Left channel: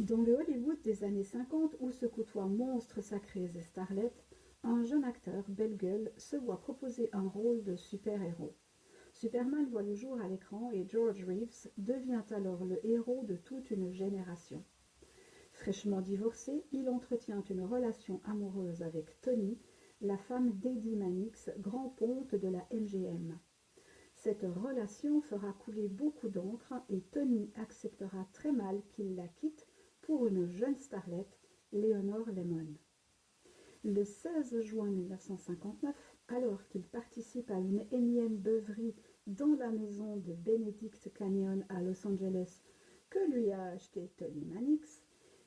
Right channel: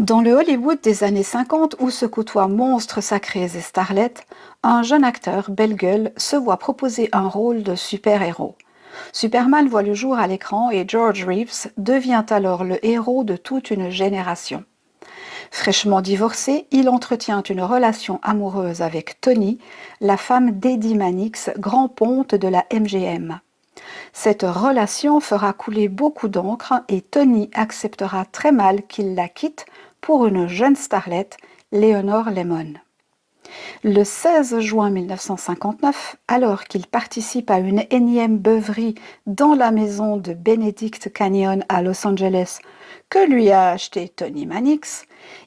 Dans le Hollywood des années 50 où se côtoient monstres sacrés et starlets, un jeune acteur, belle gueule, se voit proposer un rôle de super-héros. Superman voit le jour à l'écran et George Reeves devient alors le héros de toute une génération. Fraîchement divorcé, il entretient une relation amoureuse avec Tony, la femme d'Eddie Mannix, grand ponte de la MGM. Cette relation fera couler beaucoup d'encre et Tony acceptera très mal qu'il la quitte pour une jeune starlette, Leonore Lemmon. Le 16 juin 1959, alors qu'il participe à une énième beuverie dans la maison de Benedict Canyon à Los Angeles que lui a acheté Tony Mannix,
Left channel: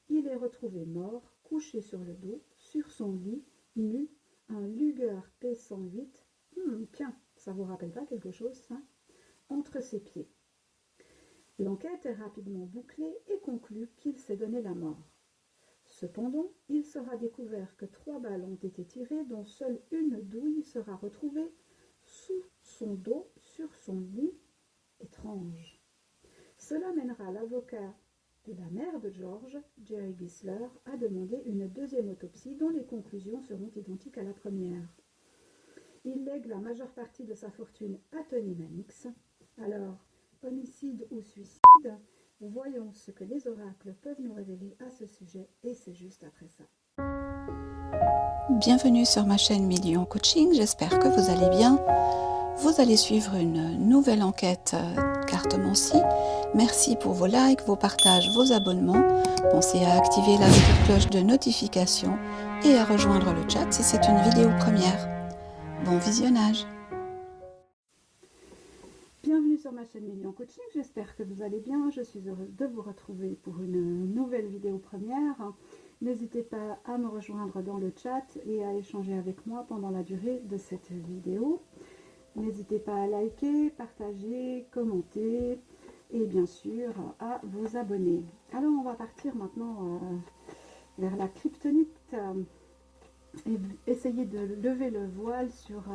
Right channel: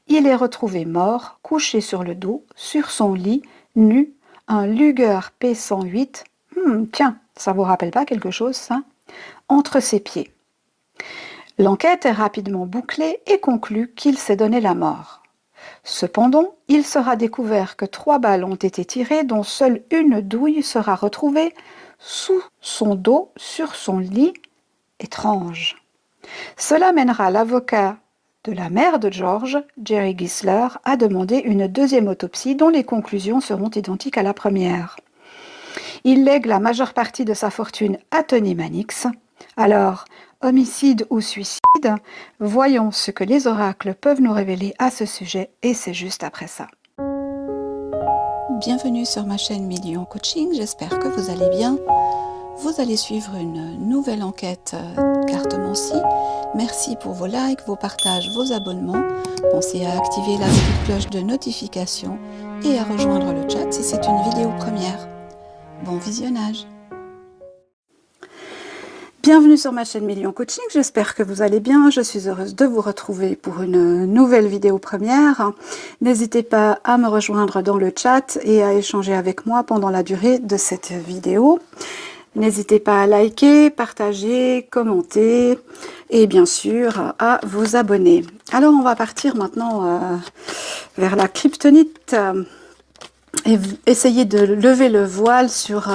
il est retrouvé mort, couché sur le dos, sur son lit, nu, un Luger P-108. Tiens, ça vous rappelle pas quelque chose, ça? Entre ses pieds. L'enquête est rapidement bouclée et conclut qu'il s'est donné la mort. Cependant, il sera découvert que 3 balles ont été tirées dont seule une douille sera retrouvée sous son dos sur son lit. Étrange. Cela mènera l'avocat de la mère de George, Jerry Gisler, à demander une deuxième autopsie dont les conclusions seront identiques à la première. Il lègue la majeure partie de sa fortune à Tony Mannix. Alors, homicide ou suicide, voyons ce que les oracles peuvent nous révéler à ce sujet, et c'est juste après ça. Bienvenue sur ma chaîne Million Coaching, j'espère que vous allez bien. Vous allez suivre une nouvelle enquête Cartomancie. Merci pour vos likes, vos partages, vos abonnements. Pensez à activer la petite cloche de notification et à rejoindre le chat si c'est une vidéo première. Bon visionnage. Bienvenue sur ma chaîne Million Coaching, j'espère que vous allez bien. Je suis heureuse de vous retrouver pour une nouvelle vidéo première. N'hésitez pas à me rejoindre dans le chat et à échanger avec moi pendant la durée de cette vidéo. N'hésitez pas à liker, partager, commenter et bien sûr à vous abonner. Alors on va partir maintenant vers la kryptonite et essayer de lever le voile sur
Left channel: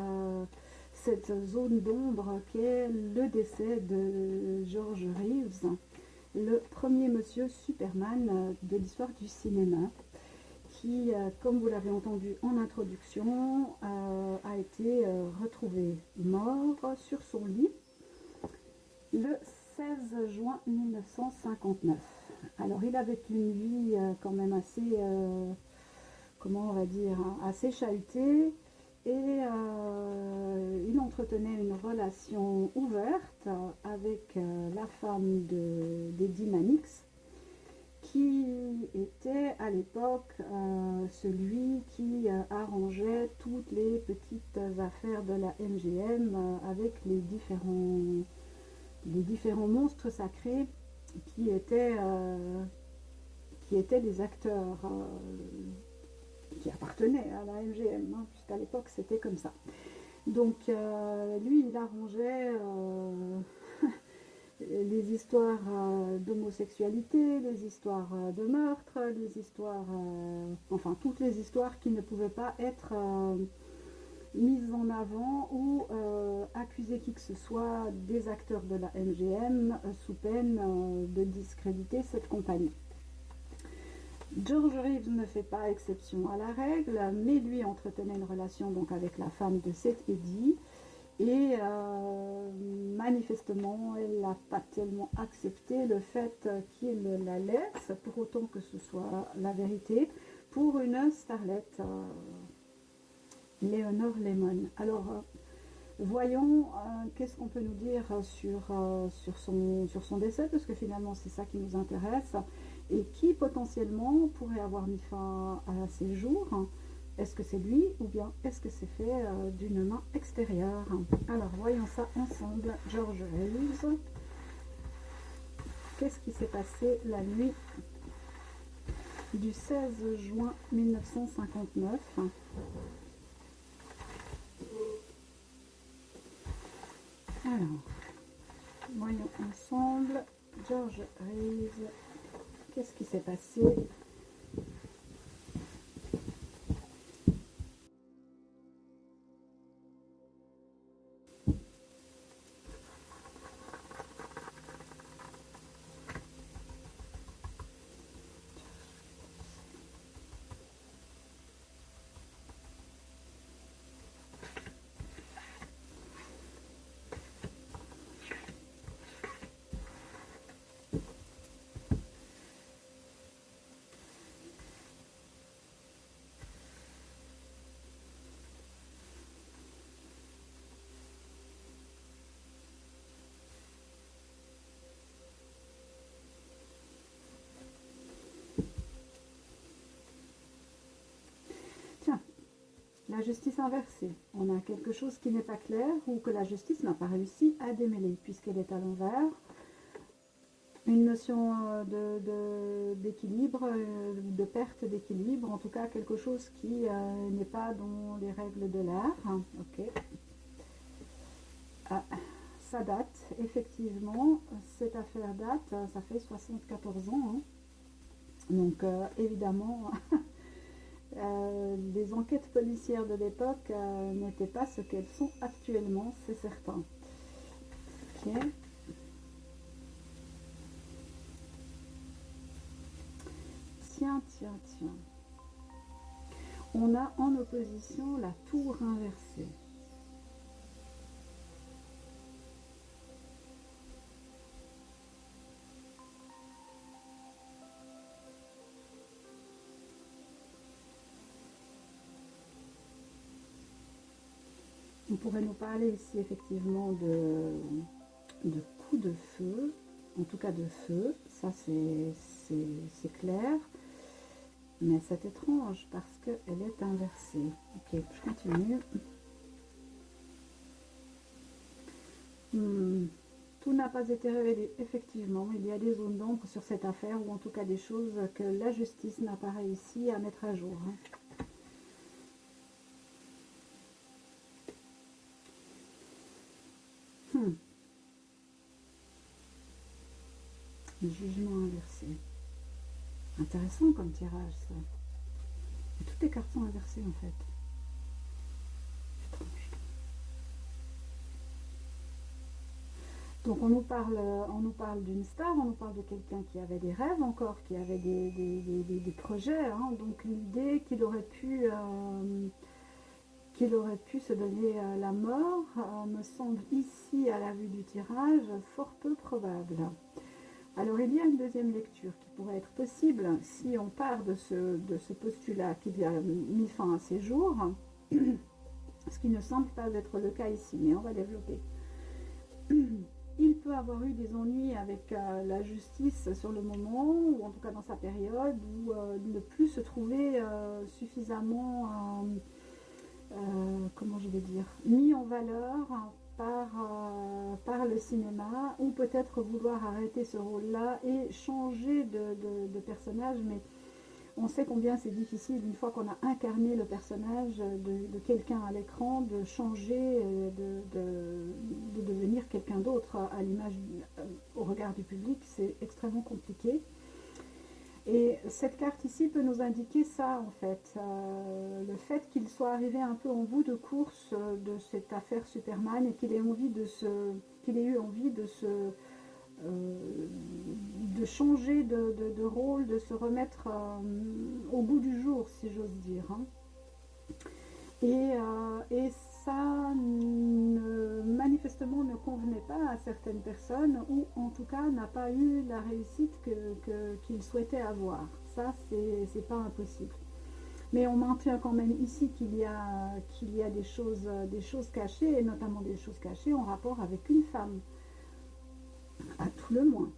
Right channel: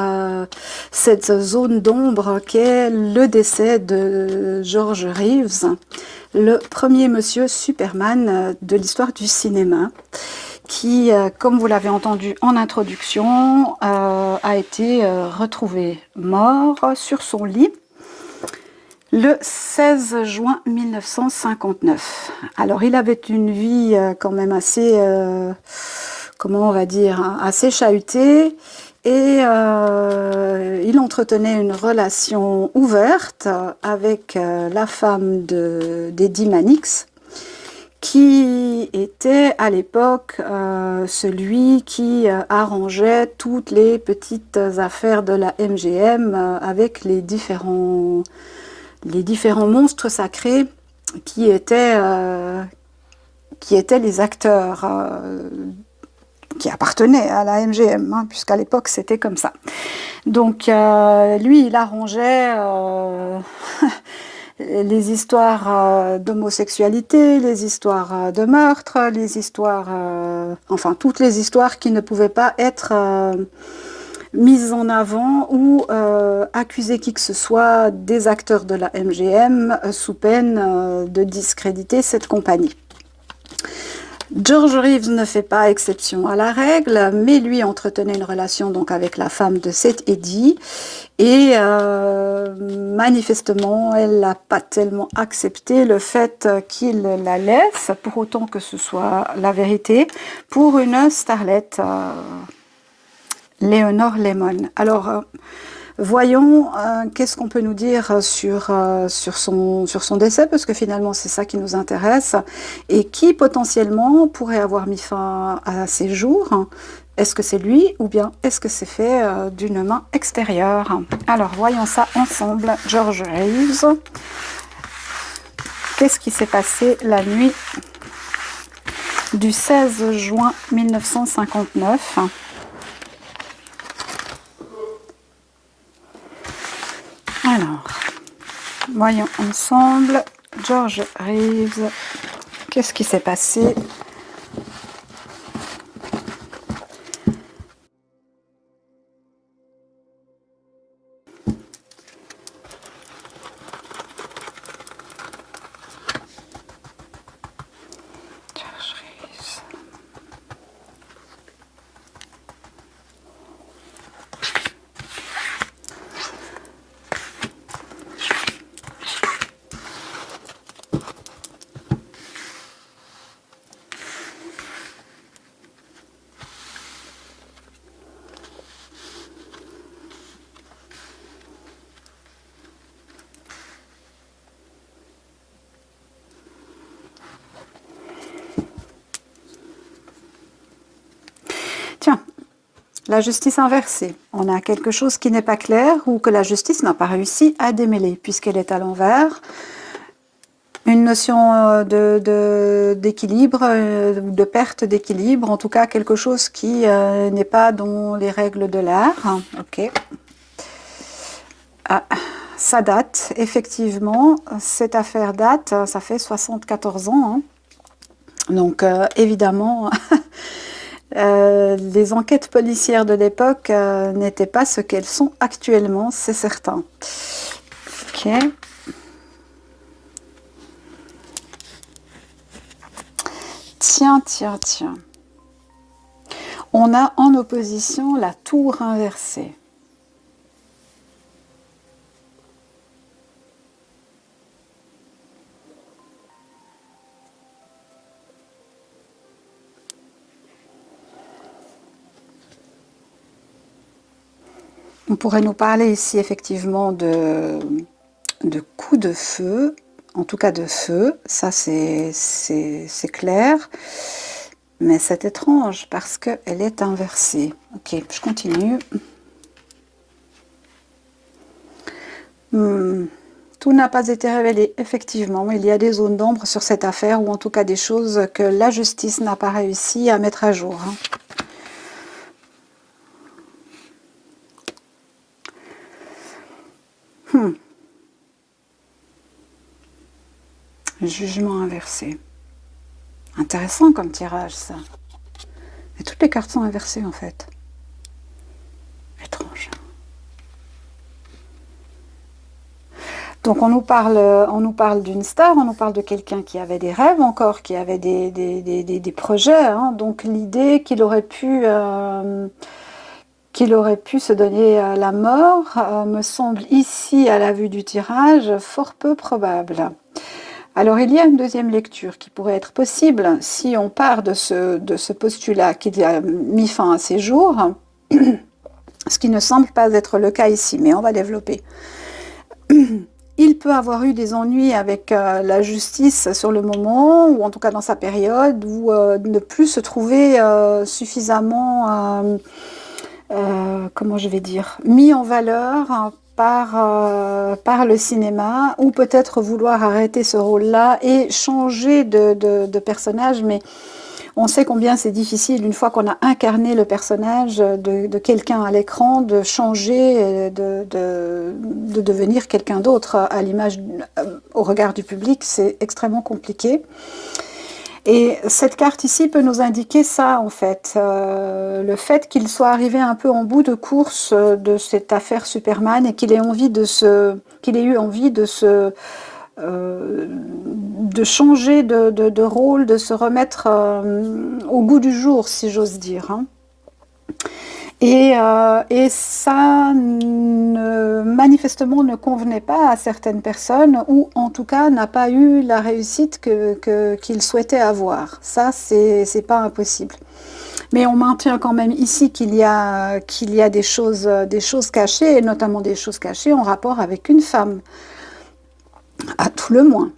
cette zone d'ombre qu'est le décès de George Reeves, le premier monsieur Superman de l'histoire du cinéma, qui, comme vous l'avez entendu en introduction, a été retrouvé mort sur son lit le 16 juin 1959. Alors, il avait une vie quand même assez, comment on va dire, hein, assez chahutée, et il entretenait une relation ouverte avec la femme d'Eddie Mannix, qui était à l'époque celui qui arrangeait toutes les petites affaires de la MGM avec les différents monstres sacrés qui étaient les acteurs qui appartenaient à la MGM, hein, puisqu'à l'époque c'était comme ça. Donc lui, il arrangeait les histoires d'homosexualité, les histoires de meurtre, les histoires, enfin toutes les histoires qui ne pouvaient pas être mises en avant ou accuser qui que ce soit des acteurs de la MGM sous peine de discréditer cette compagnie. George Reeves ne fait pas exception à la règle, mais lui entretenait une relation donc avec la femme de cet Eddie, et manifestement elle n'a pas tellement accepté le fait qu'il la laisse, pour autant que ce soit la vérité, pour une starlette, Leonore Lemmon. Alors voyons qu'est-ce qu'on peut nous dire sur son décès, parce que finalement c'est ça qui nous intéresse, et qui potentiellement pourrait avoir mis fin à ses jours. Est-ce que c'est lui ou bien est-ce que c'est fait d'une main extérieure? Alors voyons ça ensemble. George Reeves. Qu'est-ce qui s'est passé la nuit du 16 juin 1959? Alors, voyons ensemble. George Reeves, qu'est-ce qui s'est passé? George Reeves. Tiens, la justice inversée. On a quelque chose qui n'est pas clair ou que la justice n'a pas réussi à démêler puisqu'elle est à l'envers. Une notion d'équilibre ou de perte d'équilibre, en tout cas quelque chose qui n'est pas dans les règles de l'art. Ok. Ah, ça date, effectivement. Cette affaire date, ça fait 74 ans. Hein. Donc évidemment... les enquêtes policières de l'époque n'étaient pas ce qu'elles sont actuellement, c'est certain. Ok. Tiens, tiens, tiens. On a en opposition la tour inversée. On pourrait nous parler ici effectivement de coups de feu, en tout cas de feu, ça c'est clair, mais c'est étrange parce qu'elle est inversée. Ok, je continue. Tout n'a pas été révélé, effectivement, il y a des zones d'ombre sur cette affaire, ou en tout cas des choses que la justice n'a pas réussi à mettre à jour. Jugement inversé. Intéressant comme tirage, ça. Et toutes les cartes sont inversées, en fait. Étrange. Donc on nous parle d'une star, on nous parle de quelqu'un qui avait des rêves encore, qui avait des projets. Hein. Donc l'idée qu'il aurait pu se donner la mort me semble ici, à la vue du tirage, fort peu probable. Alors il y a une deuxième lecture qui pourrait être possible si on part de ce postulat qu'il a mis fin à ses jours, ce qui ne semble pas être le cas ici, mais on va développer. Il peut avoir eu des ennuis avec la justice sur le moment, ou en tout cas dans sa période, ou ne plus se trouver suffisamment, comment je vais dire, mis en valeur par le cinéma, ou peut-être vouloir arrêter ce rôle-là et changer de personnage, mais on sait combien c'est difficile, une fois qu'on a incarné le personnage de quelqu'un à l'écran, de changer, de devenir quelqu'un d'autre à l'image, au regard du public, c'est extrêmement compliqué. Et cette carte ici peut nous indiquer ça, en fait. Le fait qu'il soit arrivé un peu en bout de course de cette affaire Superman et qu'il ait eu envie de changer de rôle, de se remettre au goût du jour, si j'ose dire. Hein. Et ça, manifestement, ne convenait pas à certaines personnes, ou en tout cas n'a pas eu la réussite qu'il souhaitait avoir. Ça, c'est pas impossible. Mais on maintient quand même ici qu'il y a des choses cachées, et notamment des choses cachées en rapport avec une femme, à tout le moins.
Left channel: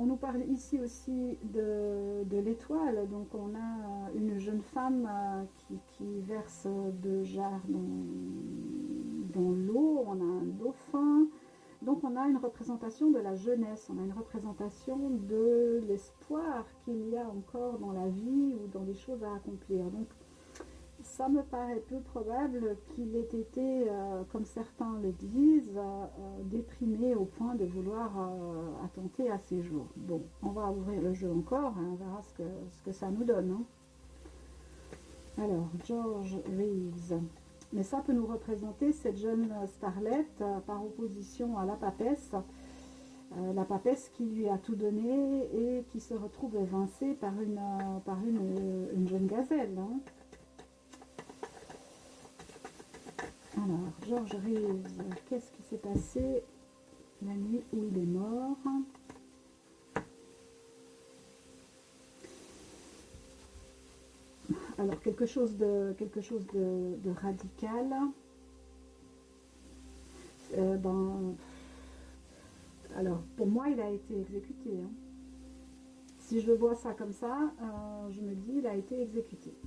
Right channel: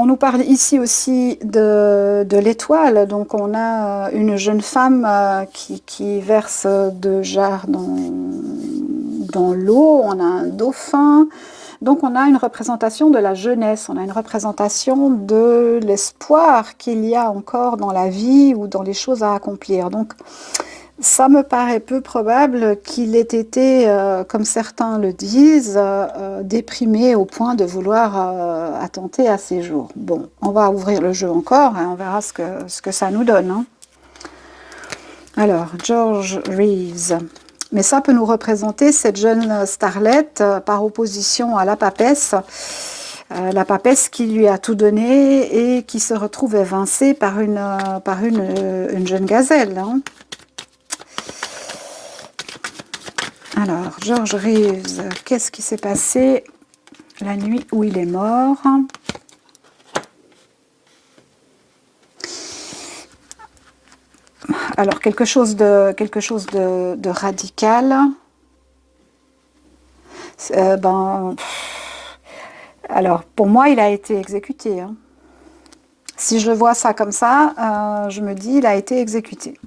On nous parle ici aussi de l'étoile, donc on a une jeune femme qui verse deux jarres dans l'eau, on a un dauphin, donc on a une représentation de la jeunesse, on a une représentation de l'espoir qu'il y a encore dans la vie ou dans les choses à accomplir. Donc ça me paraît peu probable qu'il ait été, comme certains le disent, déprimé au point de vouloir attenter à ses jours. Bon, on va ouvrir le jeu encore et on verra ce que ça nous donne. Hein. Alors, George Reeves. Mais ça peut nous représenter cette jeune starlette par opposition à la papesse La papesse qui lui a tout donné et qui se retrouve évincée par une jeune gazelle. Hein. Alors, George Reeves, qu'est-ce qui s'est passé la nuit où il est mort? Alors, quelque chose de radical. Alors, pour moi, il a été exécuté. Hein. Si je vois ça comme ça, je me dis, il a été exécuté.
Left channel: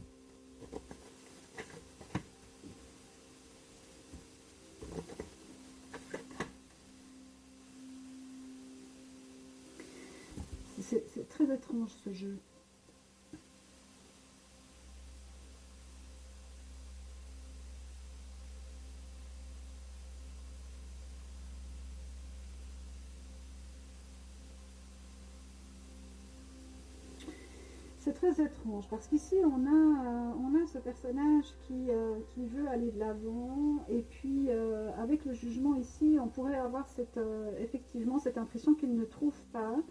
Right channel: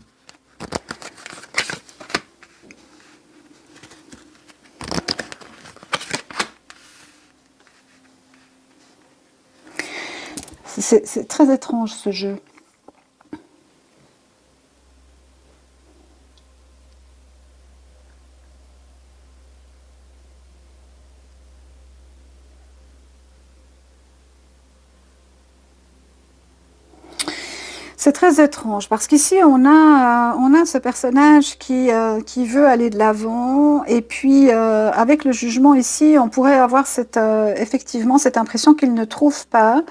C'est très étrange, ce jeu. C'est très étrange parce qu'ici on a ce personnage qui veut aller de l'avant et puis avec le jugement ici on pourrait avoir effectivement cette impression qu'il ne trouve pas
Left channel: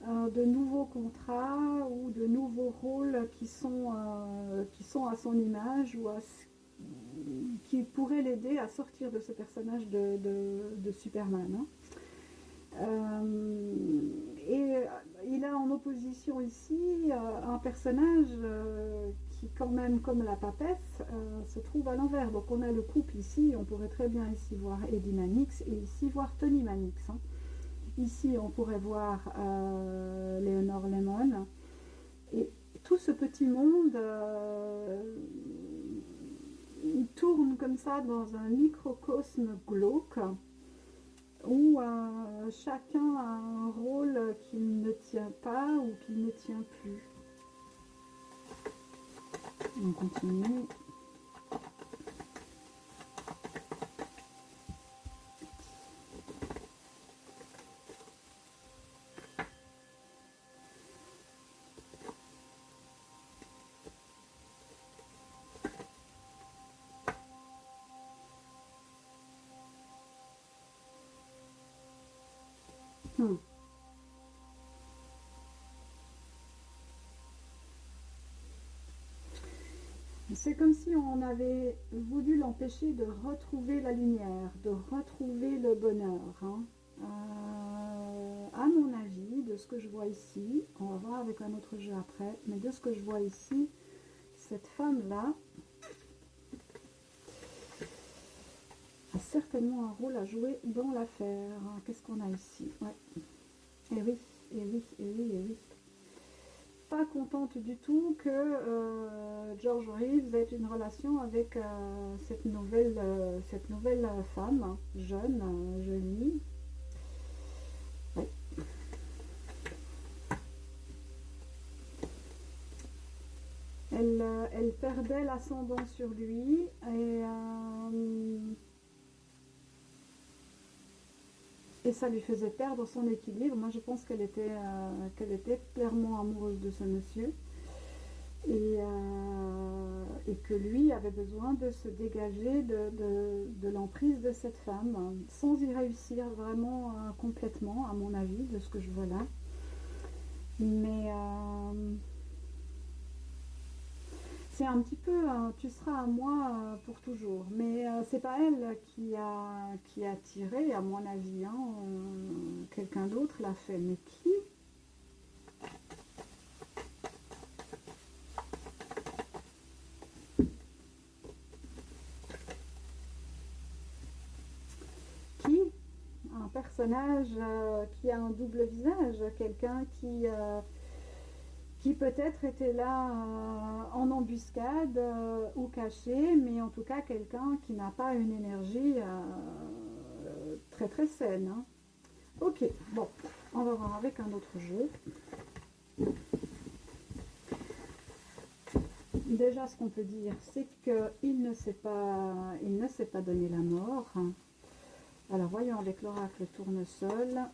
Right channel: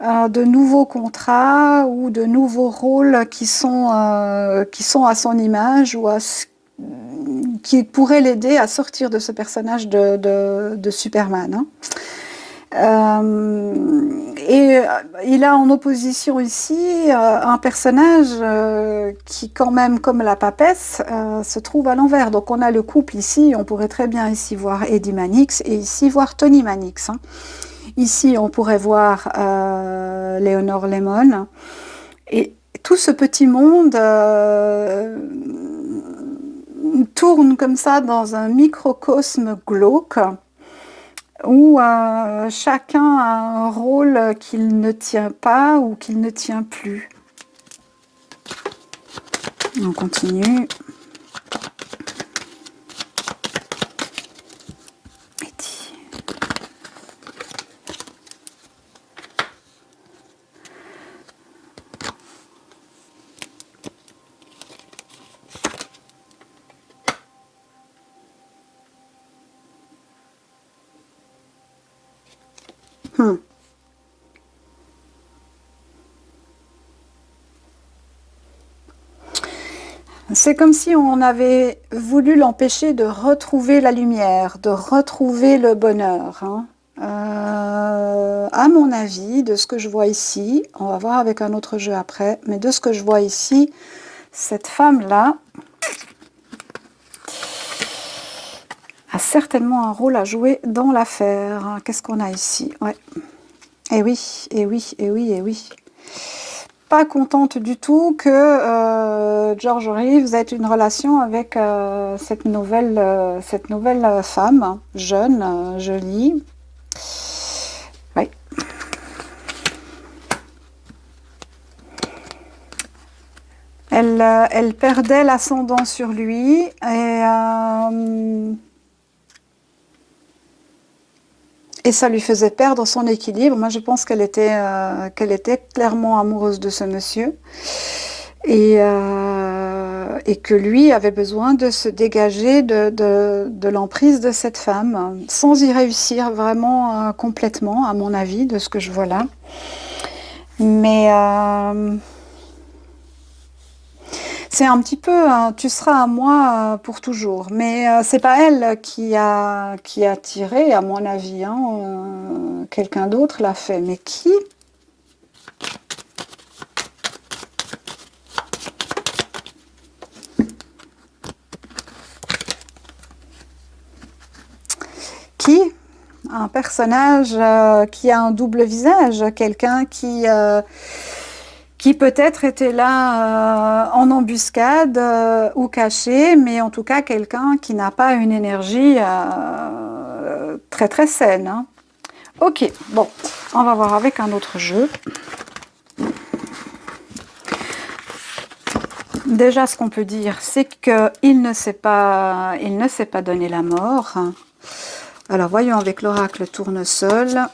de nouveaux contrats ou de nouveaux rôles qui sont à son image ou qui pourraient l'aider à sortir de ce personnage de Superman. Hein. Et il a en opposition ici un personnage qui quand même, comme la papesse, se trouve à l'envers. Donc on a le couple ici, on pourrait très bien ici voir Eddie Mannix et ici voir Tony Mannix. Hein. Ici on pourrait voir Leonore Lemon. Et tout ce petit monde tourne comme ça dans un microcosme glauque où chacun a un rôle qu'il ne tient pas ou qu'il ne tient plus. On continue. C'est comme si on avait voulu l'empêcher de retrouver la lumière, de retrouver le bonheur. Hein. À mon avis, de ce que je vois ici, on va voir avec un autre jeu après, mais de ce que je vois ici, cette femme-là a certainement un rôle à jouer dans l'affaire. Qu'est-ce qu'on a ici? Ouais. Eh oui, eh oui, eh oui, eh oui. Pas contente du tout que George Reeves ait une relation avec cette nouvelle femme, jeune, jolie. Oui. Elle perdait l'ascendant sur lui et ça lui faisait perdre son équilibre. Moi, je pense qu'elle était clairement amoureuse de ce monsieur et que lui avait besoin de se dégager de l'emprise de cette femme, sans y réussir vraiment complètement, à mon avis, de ce que je vois là. Mais c'est un petit peu tu seras à moi pour toujours. Mais c'est pas elle qui a tiré, à mon avis. Hein, quelqu'un d'autre l'a fait. Mais qui? Qui? Un personnage qui a un double visage, quelqu'un qui peut-être était là en embuscade ou caché, mais en tout cas quelqu'un qui n'a pas une énergie très très saine. Hein. Ok, bon, on va voir avec un autre jeu. Déjà, ce qu'on peut dire, c'est qu'il ne s'est pas donné la mort. Alors, voyons avec l'oracle tournesol.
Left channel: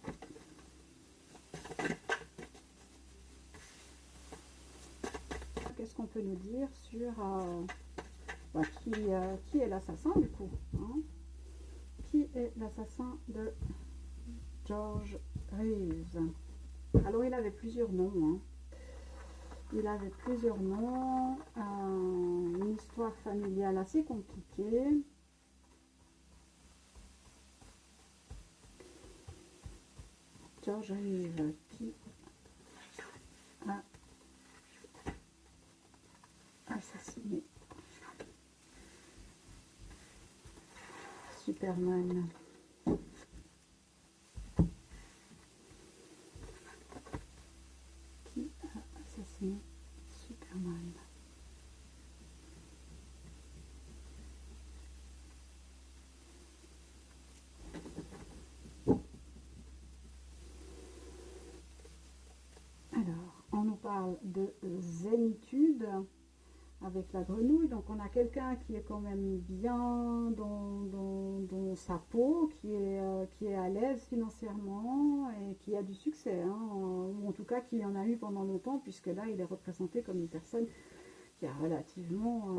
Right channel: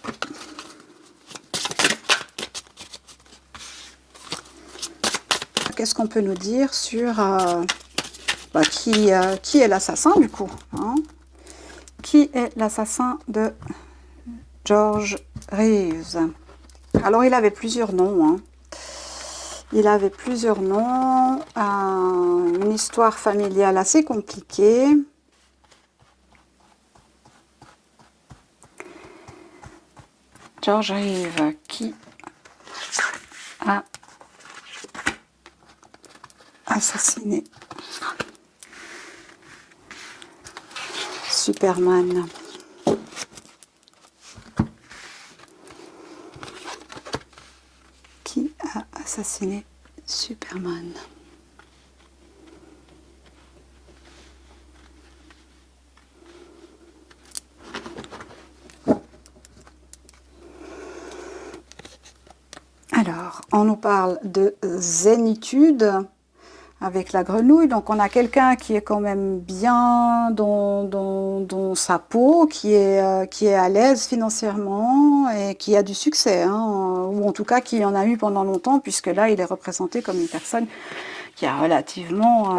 Qu'est-ce qu'on peut nous dire sur qui est l'assassin du coup, hein? Qui est l'assassin de George Reeves. Alors, il avait plusieurs noms, hein. Il avait plusieurs noms, une histoire familiale assez compliquée. George Reeves, qui a assassiné Superman. Qui a assassiné Superman? Alors, on nous parle de zénitude avec la grenouille. Donc, on a quelqu'un qui est quand même bien dans sa peau, qui est à l'aise financièrement et qui a du succès, hein, ou en tout cas qui en a eu pendant longtemps, puisque là, il est représenté comme une personne qui a relativement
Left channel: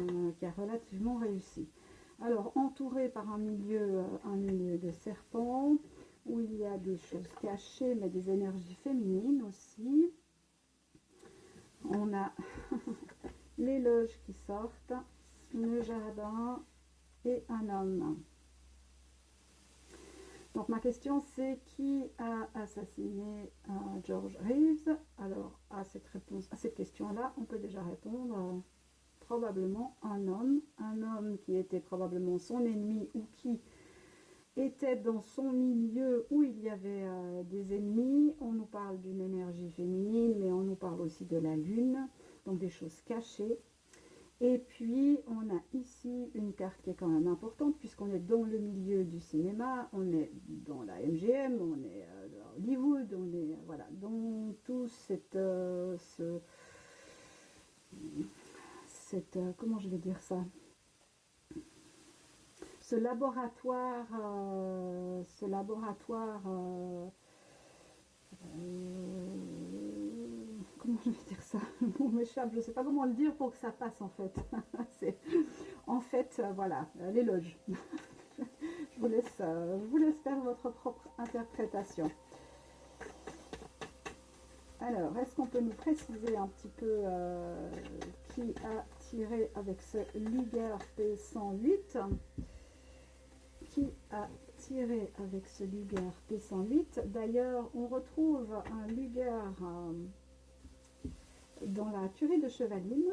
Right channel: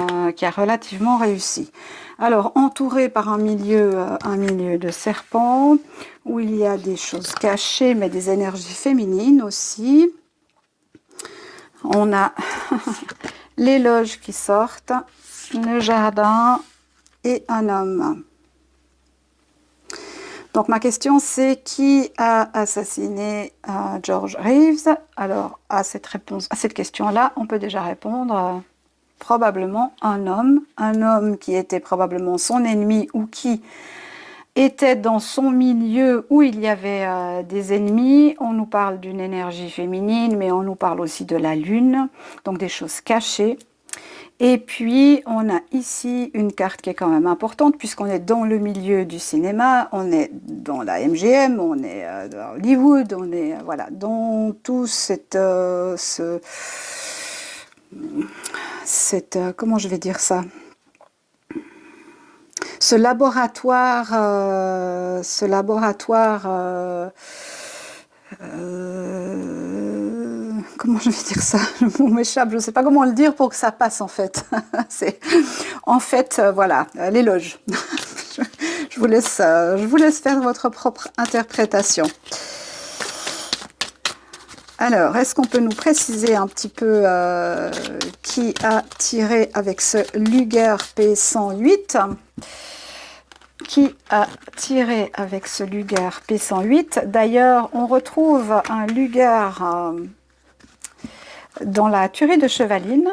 réussi. Alors, entouré par un milieu de serpents, où il y a des choses cachées, mais des énergies féminines aussi. On a les loges qui sortent, le jardin et un homme. Donc ma question c'est qui a assassiné George Reeves? Alors à cette question-là, on peut déjà répondre probablement un homme qui était probablement son ennemi ou qui était dans son milieu où il y avait des ennemis. On nous parle d'une énergie féminine, mais on nous parle aussi de la lune, donc des choses cachées. Et puis, on a ici une carte qui est quand même importante, puisqu'on est dans le milieu du cinéma, on est dans la MGM, on est dans Hollywood, on est voilà, dans tout comment je vais dire ça? Ce laboratoire, comment je vais dire ça? Le mot m'échappe, je ne sais pas comment le dire pour que ça passe en fait. Voilà, l'éloge. je vous laisse faire votre propre interprétation. Alors, est-ce qu'on peut nous préciser un petit peu qui a tiré avec ce Luger P108? Qui a tiré avec ce Luger P108? D'ailleurs, on retrouve un Luger dans la tuerie de Chevaline.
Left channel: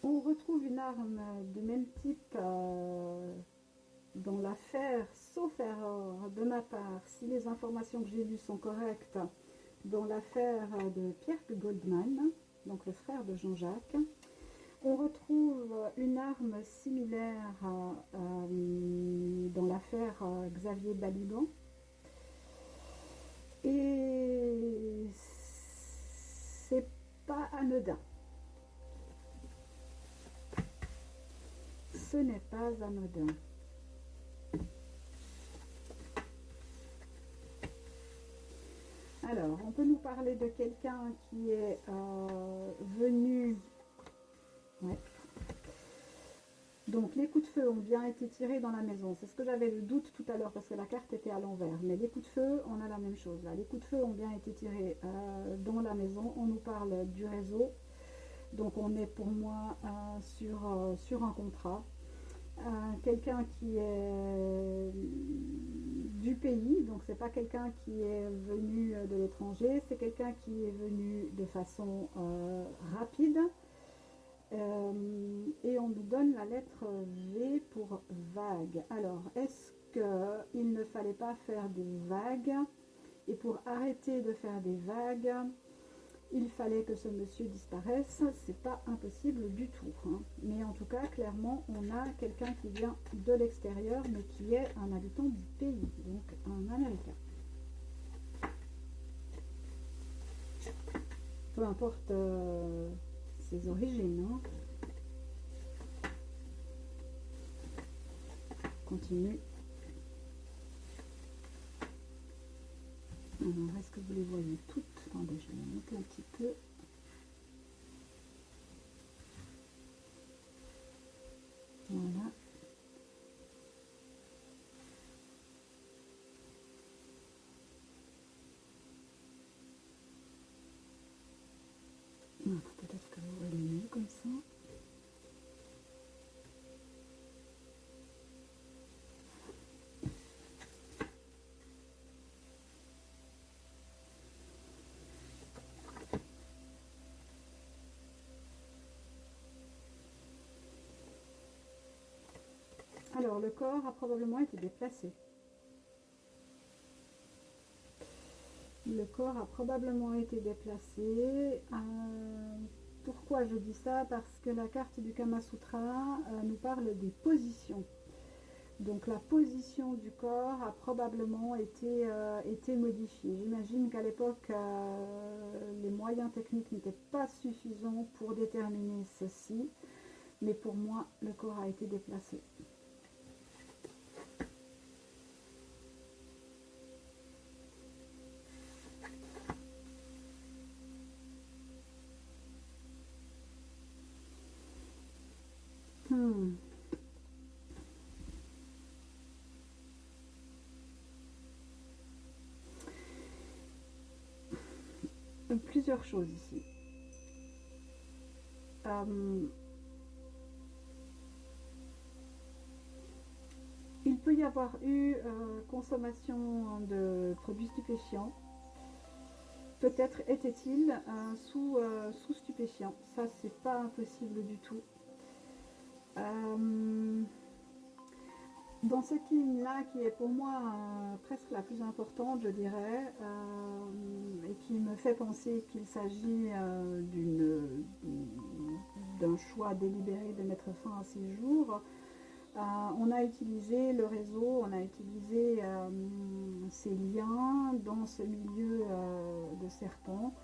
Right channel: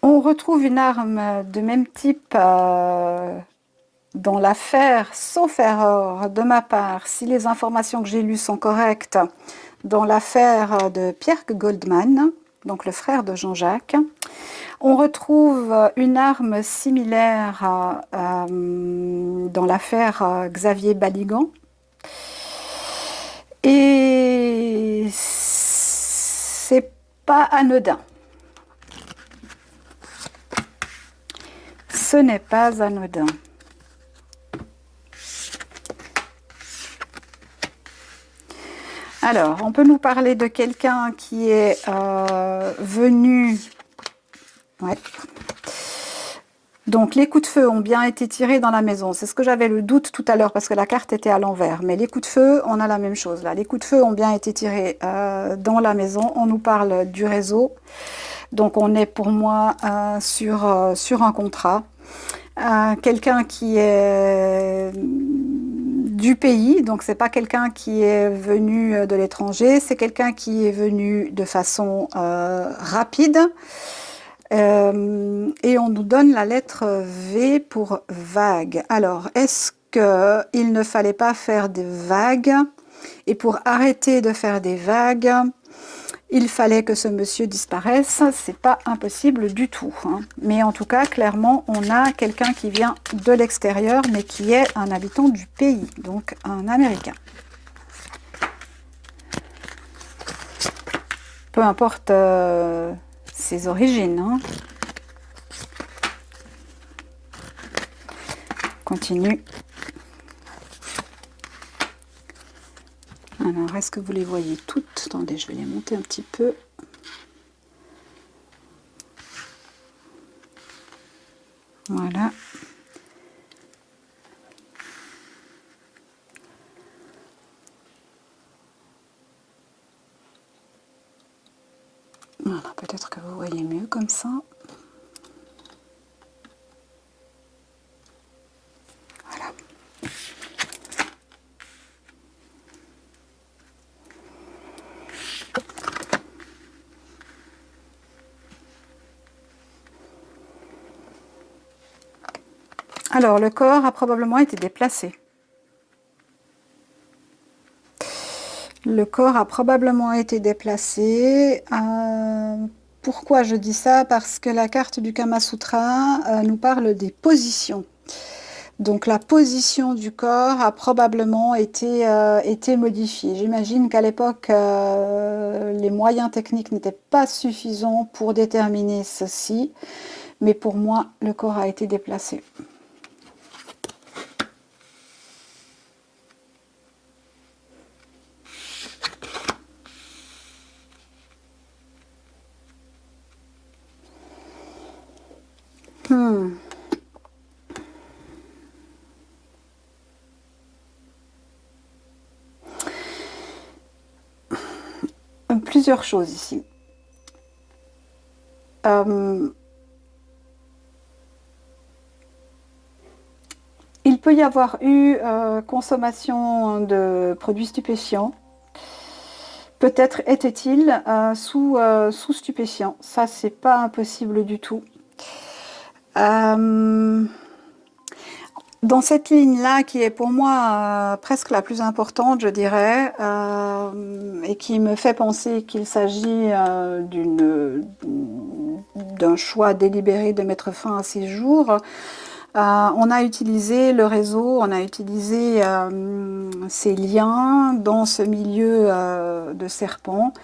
On retrouve une arme de même type dans l'affaire, sauf erreur de ma part, si les informations que j'ai lues sont correctes, dans l'affaire de Pierre Goldman, donc le frère de Jean-Jacques. On retrouve une arme similaire dans l'affaire Xavier Baligan. Et c'est pas anodin. Ce n'est pas anodin. Alors, on peut nous parler de quelqu'un qui est venu... Ouais. Donc, les coups de feu ont bien été tirés dans la maison. C'est ce que j'avais le doute tout à l'heure parce que la carte était à l'envers. Mais les coups de feu, on a la même chose là. Les coups de feu ont bien été tirés dans la maison. On nous parle du réseau. Donc, on est pour moi sur un contrat. Quelqu'un qui est du pays, donc c'est pas quelqu'un qui est venu de l'étranger, c'est quelqu'un qui est venu de façon rapide. Et on nous donne la lettre V pour vague. Alors, est-ce qu'il ne fallait pas faire des vagues? Et pour arrêter de faire des vagues, il fallait que ce monsieur disparaisse. C'est pas impossible du tout, hein. Mais en tout cas, clairement, on a quelqu'un qui vient de l'extérieur, mais qui est un habitant du pays, donc un Américain. Peu importe ses origines, hein. Continue. Alors, est-ce que vous les voyez toutes? Attendez, je vais les monter un petit peu. Voilà. Peut-être que vous voyez mieux comme ça. Voilà. Alors, le corps a probablement été déplacé. Le corps a probablement été déplacé. Pourquoi je dis ça? Parce que la carte du Kama Sutra nous parle des positions. Donc la position du corps a probablement été modifiée. J'imagine qu'à l'époque, les moyens techniques n'étaient pas suffisants pour déterminer ceci. Mais pour moi, le corps a été déplacé. Plusieurs choses ici. Il peut y avoir eu consommation de produits stupéfiants. Peut-être était-il sous stupéfiants. Ça, c'est pas impossible du tout. Dans cette ligne-là, qui est pour moi presque la plus importante, je dirais, et qui me fait penser qu'il s'agit d'un choix délibéré de mettre fin à ces jours, on a utilisé le réseau, on a utilisé ces liens dans ce milieu de serpents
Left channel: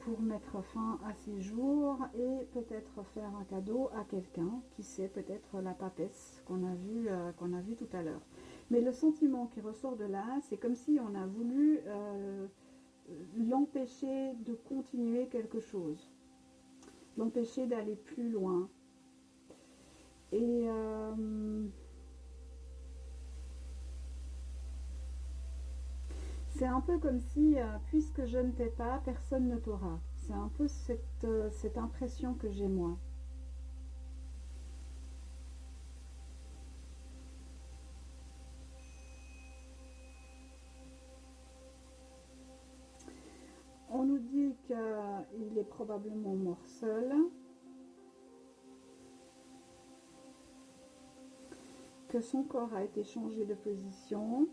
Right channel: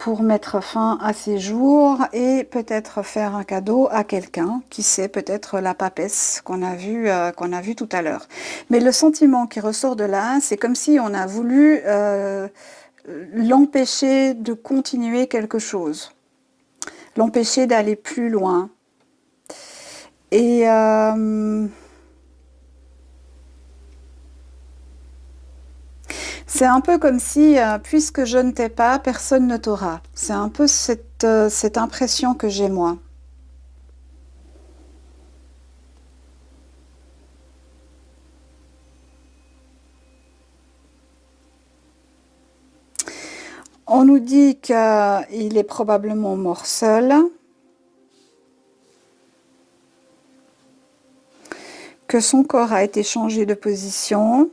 pour mettre fin à ces jours et peut-être faire un cadeau à quelqu'un, qui sait, peut-être la papesse qu'on a vu tout à l'heure. Mais le sentiment qui ressort de là, c'est comme si on a voulu l'empêcher de continuer quelque chose, l'empêcher d'aller plus loin. Et c'est un peu comme si, puisque je ne t'ai pas, personne ne t'aura. C'est un peu cette impression que j'ai moi. On nous dit qu'il est probablement mort seul, que son corps a été changé de position,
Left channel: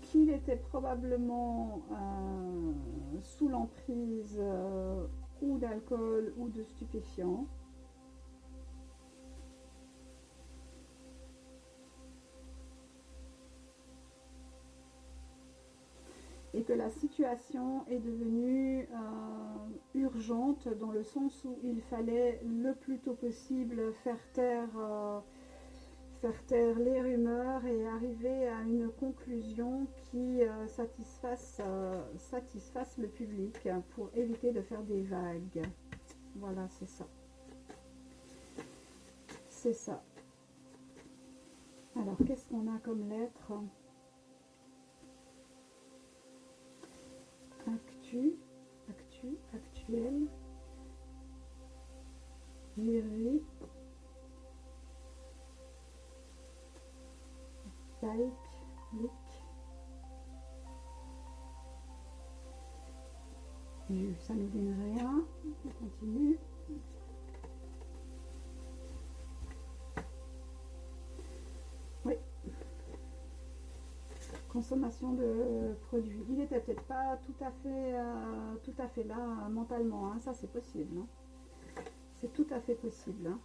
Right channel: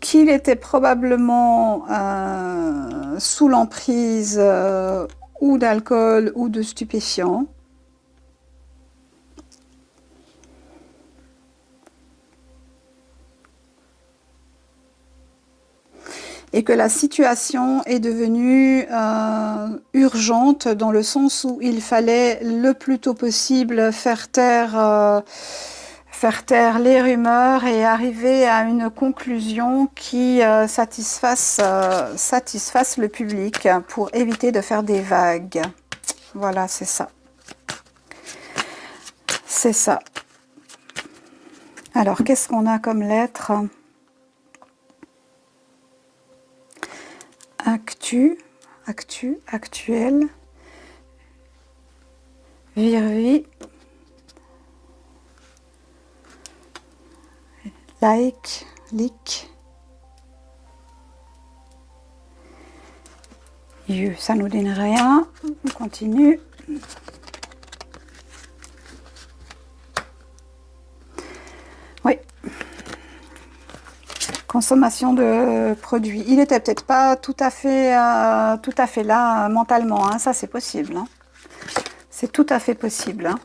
qu'il était probablement sous l'emprise ou d'alcool ou de stupéfiants. Et que la situation est devenue urgente dans le sens où il fallait le plus tôt possible faire taire les rumeurs et arriver à une conclusion qui satisfasse le public pour éviter de faire des vagues. Voilà, c'est ça. C'est ça. Alors, qu'est-ce qu'on a comme lettre ? Actuel, virvi, like, ça nous donne rien, on continue. Oui. Consommation de produits. Il était peut-être pas tout à fait là mentalement, hein. Ça c'est possible. Hein. C'est tout à fait possible. Hein.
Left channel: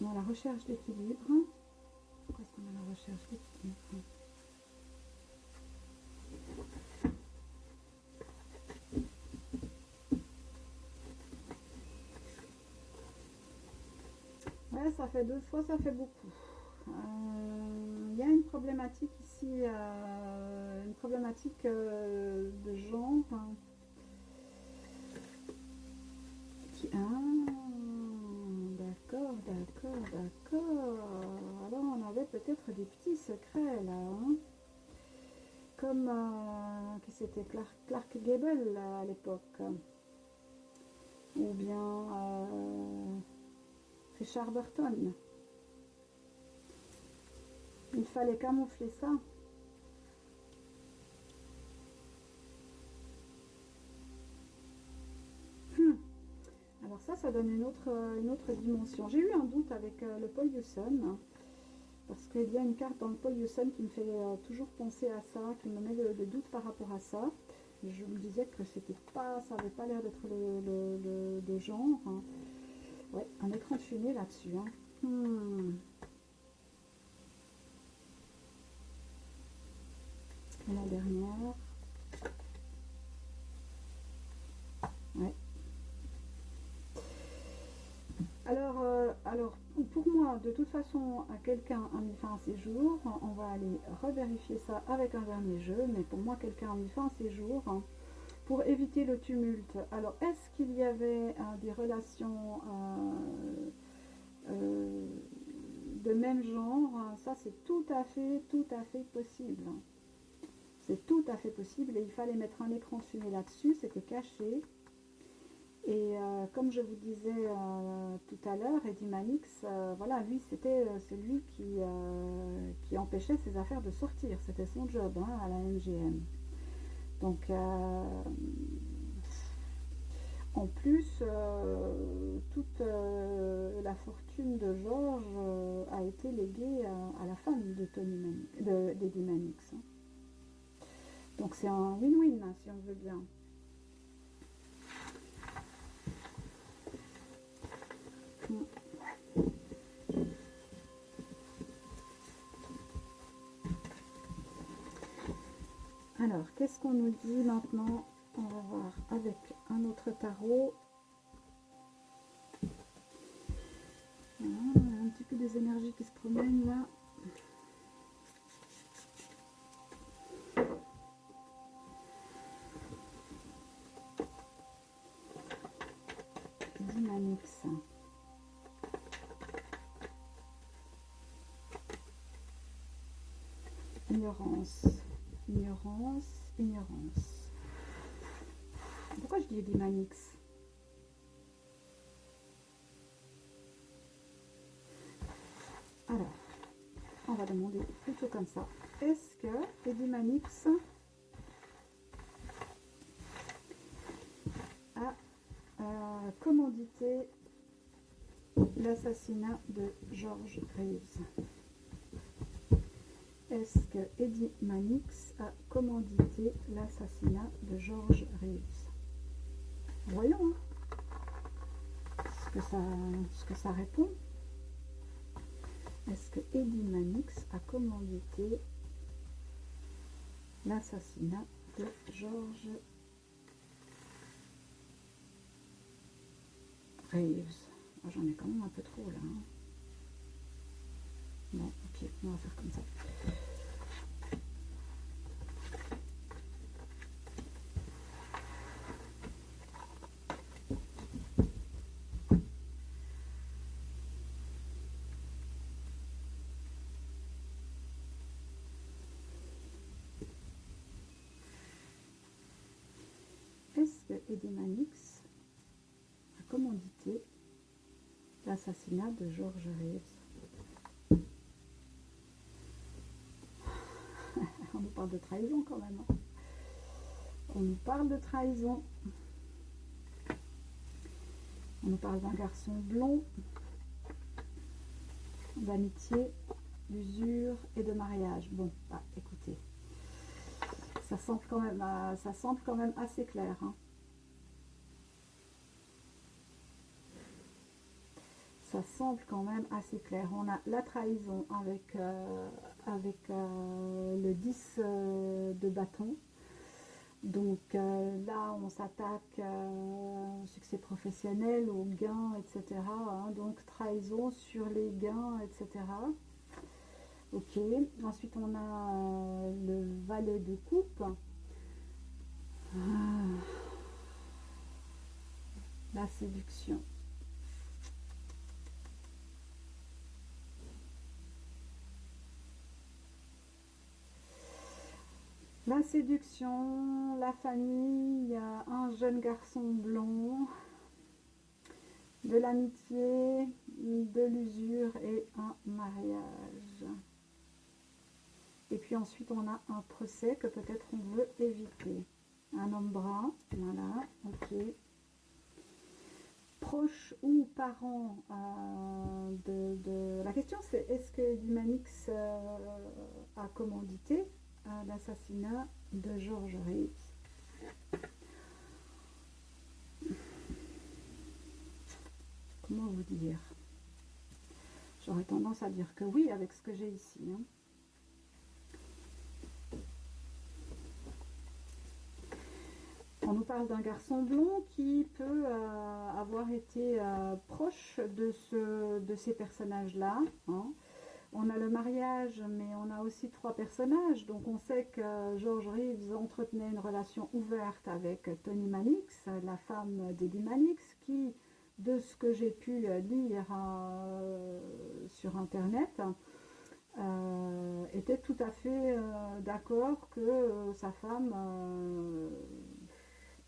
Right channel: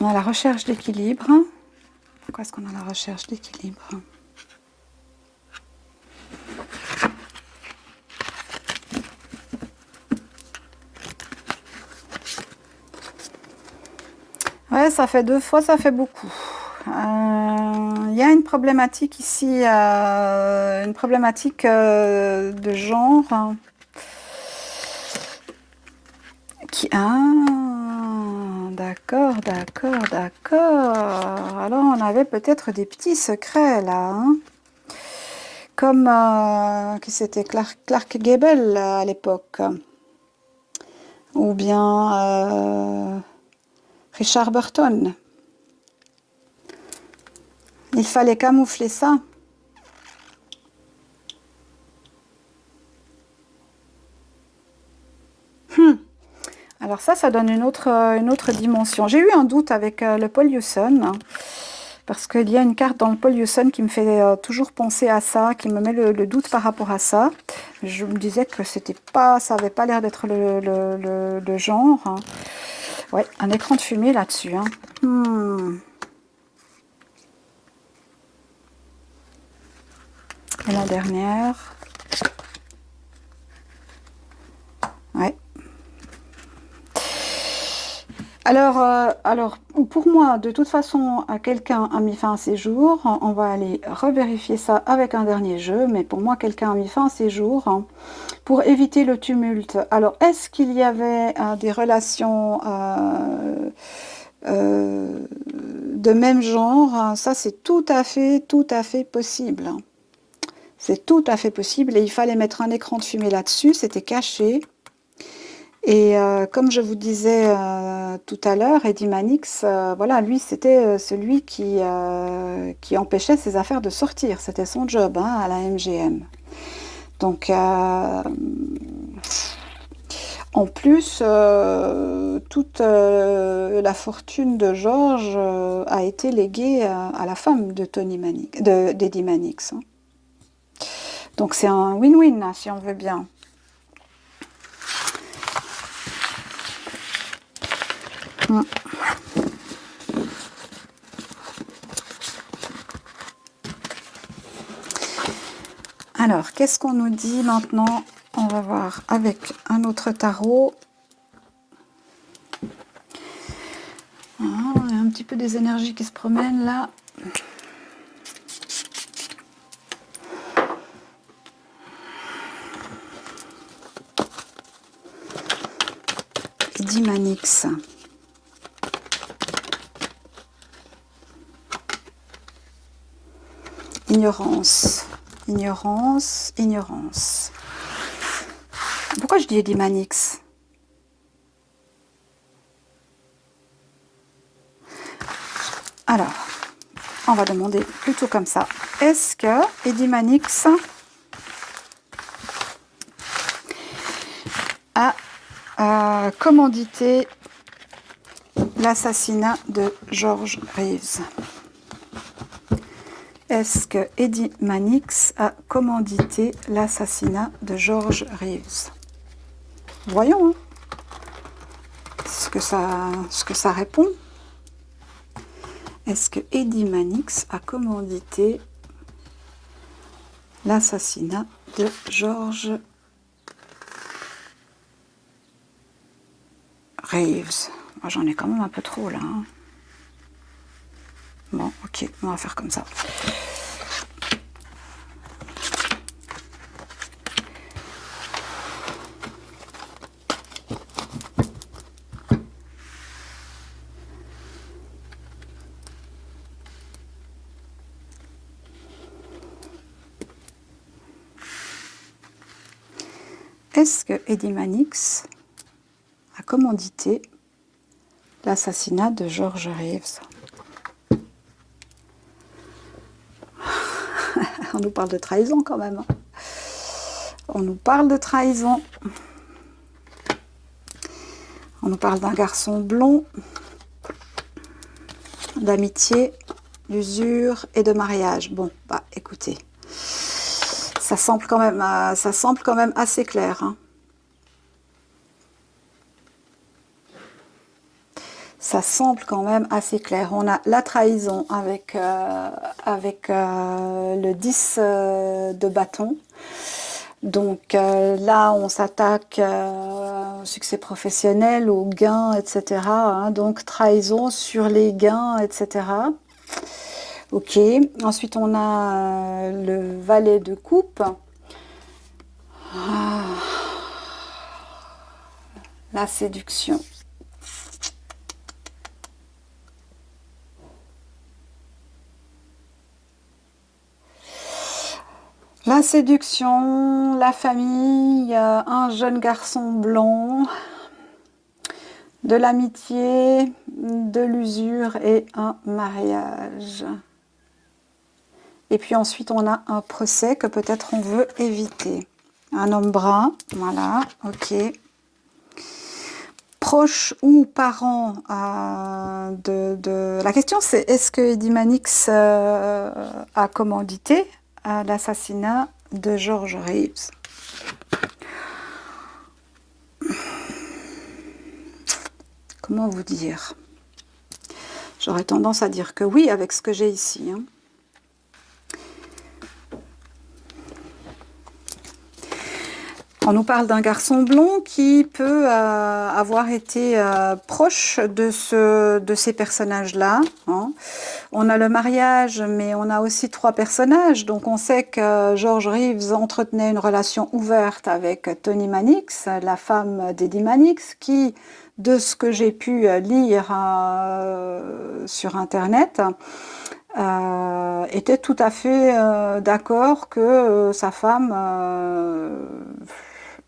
On a la recherche d'équilibre. Pourquoi est-ce qu'on a la recherche d'équilibre ? Ouais, ça fait 2 fois, ça fait beaucoup. Il y a une problématique ici, une problématique de genre. D'accord, d'accord, d'accord. Alors, on avait peut-être des petits secrets, là, hein. Comme, qui c'était Clark Gable, à l'époque. Ou bien Richard Burton. Il fallait camoufler ça. Alors ça donne une autre dimension. J'ai eu un doute avec le Paul Hewson, hein, parce qu'il y a une carte dans le Paul Hewson qui me fait toujours penser à ça, qui me met le doute par rapport à ça. Je me disais que c'était pas, ça avait pas l'air d'être le genre, hein. Ouais, un écran de fumée là-dessus, hein. Et la dernière. Ouais. Alors, pour moi, de toute façon, quelqu'un a mis fin à ses jours. On va aller revérifier ça avec un dernier jeu. Mais pour moi, quelqu'un a mis fin à ses jours, hein, pour éviter le tumulte. Alors, est-ce qu'il y avait des relations de même genre? Ça, c'est tout à fait possible. C'est tout à fait possible. Et il fallait mettre un écran de fumée là-dessus. C'était caché. Et comme je vous disais tout à l'heure, Eddie Mannix, voilà, lui, c'était celui qui empêchait ses affaires de sortir. C'était son job, hein, à la MGM. Donc, en plus, toute la fortune de George a été léguée à la femme de d'Eddie Mannix, hein. Donc, c'est un win-win, hein, si on veut bien. Alors, qu'est-ce qu'on nous dit maintenant? On va voir avec un autre tarot. Ah, on a un petit peu des énergies qui se promènent là. Eddie Mannix. Ignorance. Ignorance, ignorance. Pourquoi je dis Eddie Mannix? Alors, on va demander plutôt comme ça. Est-ce que Eddie Mannix a commandité l'assassinat de George Reeves? Est-ce que Eddie Mannix a commandité l'assassinat de George Reeves? Voyons, hein, ce que ça répond. Est-ce que Eddie Mannix a commandité l'assassinat de George Reeves? Moi, j'en ai quand même un peu trop là, hein. Bon, ok, on va faire comme ça. Est-ce que Eddie Mannix a commandité l'assassinat de George Reeves? On nous parle de trahison quand même, hein. On nous parle de trahison. On nous parle d'un garçon blond, d'amitié, d'usure et de mariage. Bon, bah écoutez, ça semble quand même assez clair, hein. Ça semble quand même assez clair. On a la trahison avec le 10 de bâton. Donc là, on s'attaque au succès professionnel, aux gains, etc., hein. Donc trahison sur les gains, etc. Ok. Ensuite, on a le valet de coupe. La la séduction. La séduction, la famille, un jeune garçon blond, de l'amitié, de l'usure et un mariage. Et puis ensuite, on a un procès que peut-être on veut éviter. Un homme brun, voilà, ok. Proche ou parent La question, c'est est-ce que Eddie Mannix a commandité l'assassinat de George Reeves? Comment vous dire? J'aurais tendance à dire que oui, avec ce que j'ai ici. Hein. On nous parle d'un garçon blond qui peut avoir été proche de ces personnages-là. Hein. On a le mariage, mais on a aussi 3 personnages. Donc on sait que George Reeves entretenait une relation ouverte avec Toni Mannix, la femme d'Eddie Mannix, qui, de ce que j'ai pu lire sur Internet, était tout à fait d'accord que sa femme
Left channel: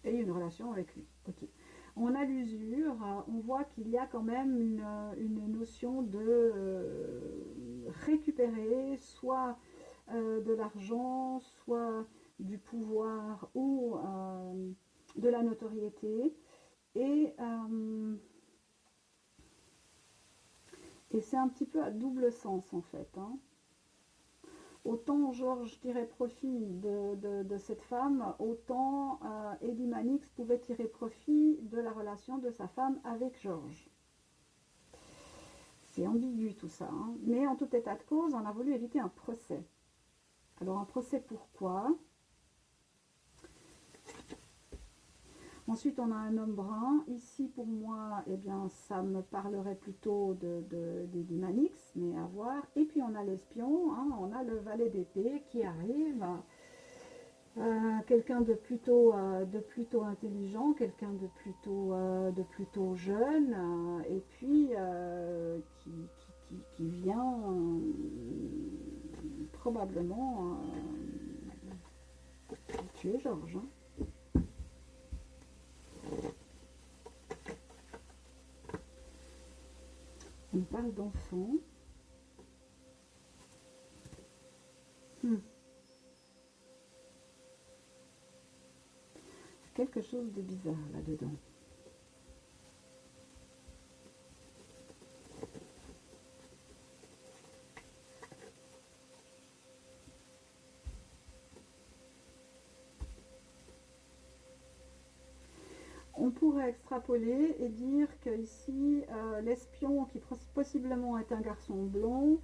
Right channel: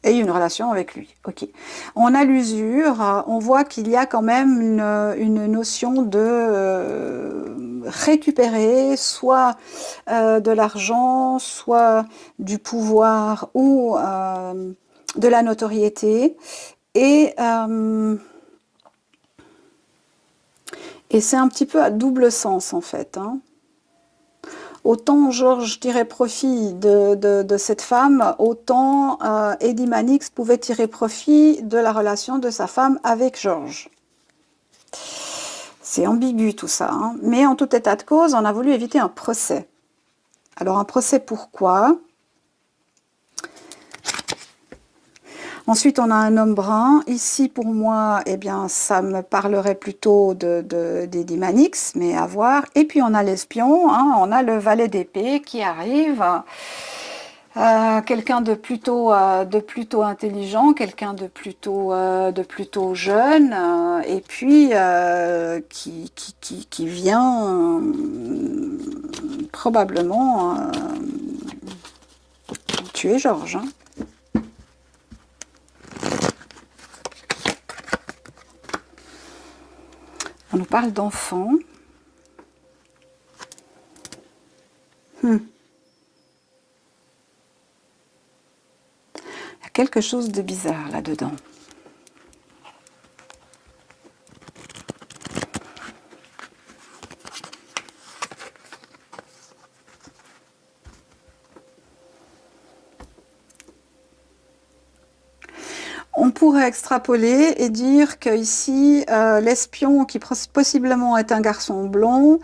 ait une relation avec lui. Ok. On a l'usure, on voit qu'il y a quand même une notion de récupérer soit de l'argent, soit du pouvoir ou de la notoriété. Et c'est un petit peu à double sens en fait. Hein. Autant Georges tirait profit de cette femme, autant Eddie Mannix pouvait tirer profit de la relation de sa femme avec Georges. C'est ambigu tout ça, hein. Mais en tout état de cause, on a voulu éviter un procès. Alors un procès pourquoi ? Ensuite, on a un homme brun. Ici, pour moi, eh bien, ça me parlerait plutôt d'Eddie Mannix, mais à voir. Et puis, on a l'espion, hein, on a le valet d'épée qui arrive. Quelqu'un de plutôt intelligent, quelqu'un de plutôt jeune, et puis qui vient probablement tuer Georges. Hein. On nous parle d'enfants. Il y a quelque chose de bizarre là-dedans. On pourrait extrapoler et dire qu'ici, l'espion, qui possiblement est un garçon blond,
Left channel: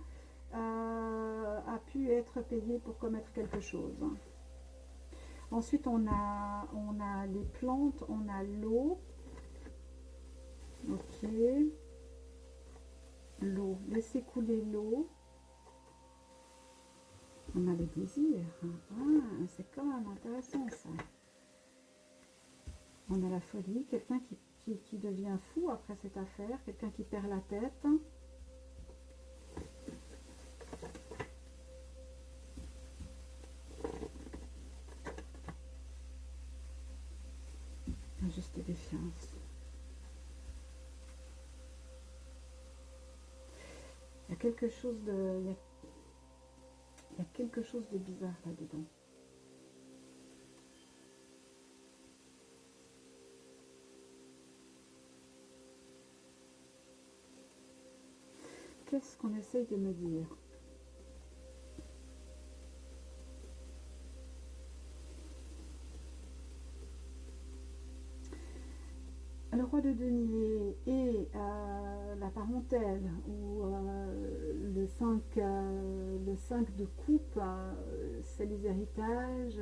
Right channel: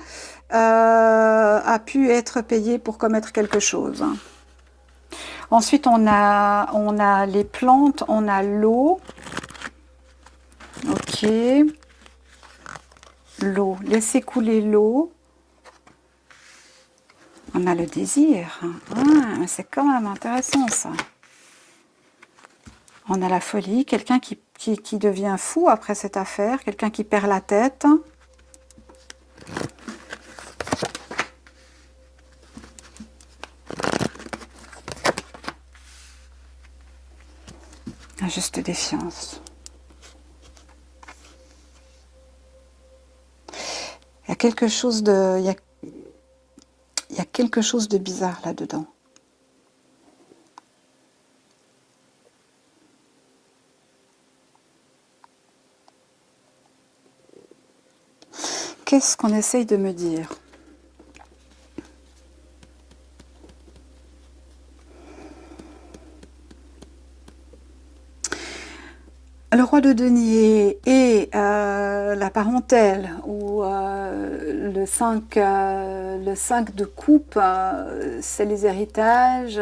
a pu être payé pour commettre quelque chose. Ensuite, on a les plantes, on a l'eau. Ok. L'eau, laisser couler l'eau. On a le désir. Ah, c'est quand même intéressant ça. On a la folie, quelqu'un qui devient fou après cette affaire, quelqu'un qui perd la tête. La juste défiance. Il y a quelque chose de, il y a quelque chose de bizarre là-dedans. Qu'est-ce qu'on essaye de me dire ? Le roi de denier et la parentèle, ou le 5 de coupe, c'est les héritages,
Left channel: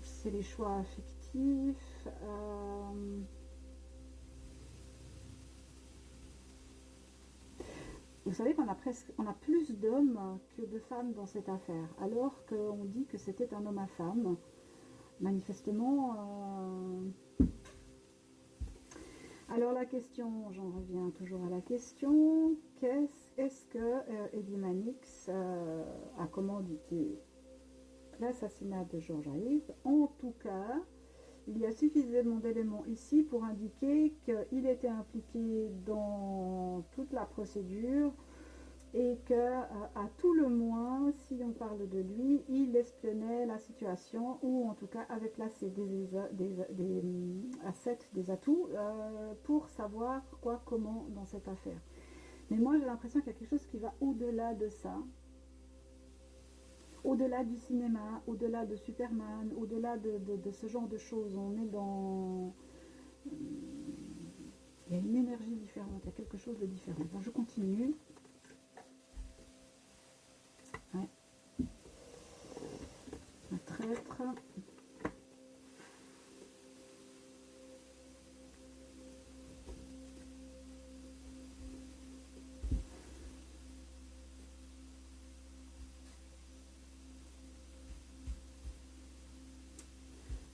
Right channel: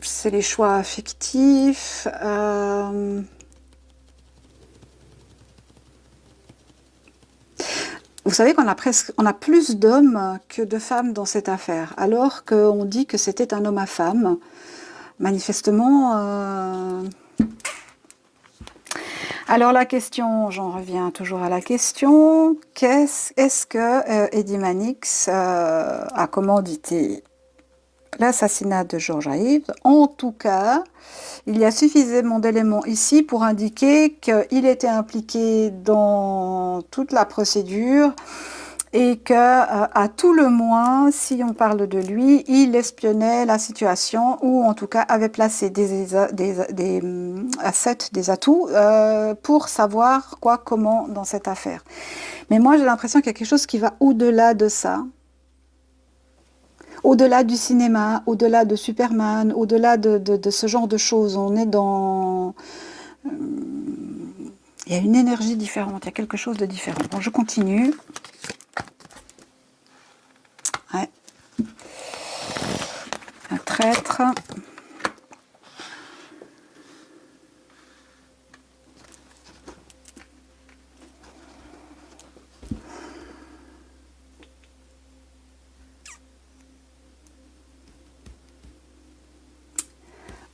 c'est les choix affectifs. Vous savez qu'on a plus d'hommes que de femmes dans cette affaire, alors qu'on dit que c'était un homme à femme. Manifestement... Alors la question, j'en reviens toujours à la question, est-ce que Eddie Mannix a commandité l'assassinat de George Ives? En tout cas, il y a suffisamment d'éléments ici pour indiquer qu'il était impliqué dans toute la procédure et que, à tout le moins, si on parle de lui, il espionnait la situation ou en tout cas avait placé des assets, des atouts pour savoir quoi, comment dans cette affaire. Mais moi, j'ai l'impression qu'il y a quelque chose qui va au-delà de ça. Au-delà du cinéma, au-delà de Superman, au-delà de ce genre de choses, on est dans... il y a une énergie différente, il y a quelque chose de différent. Bon, je continue. Ouais. Un traître.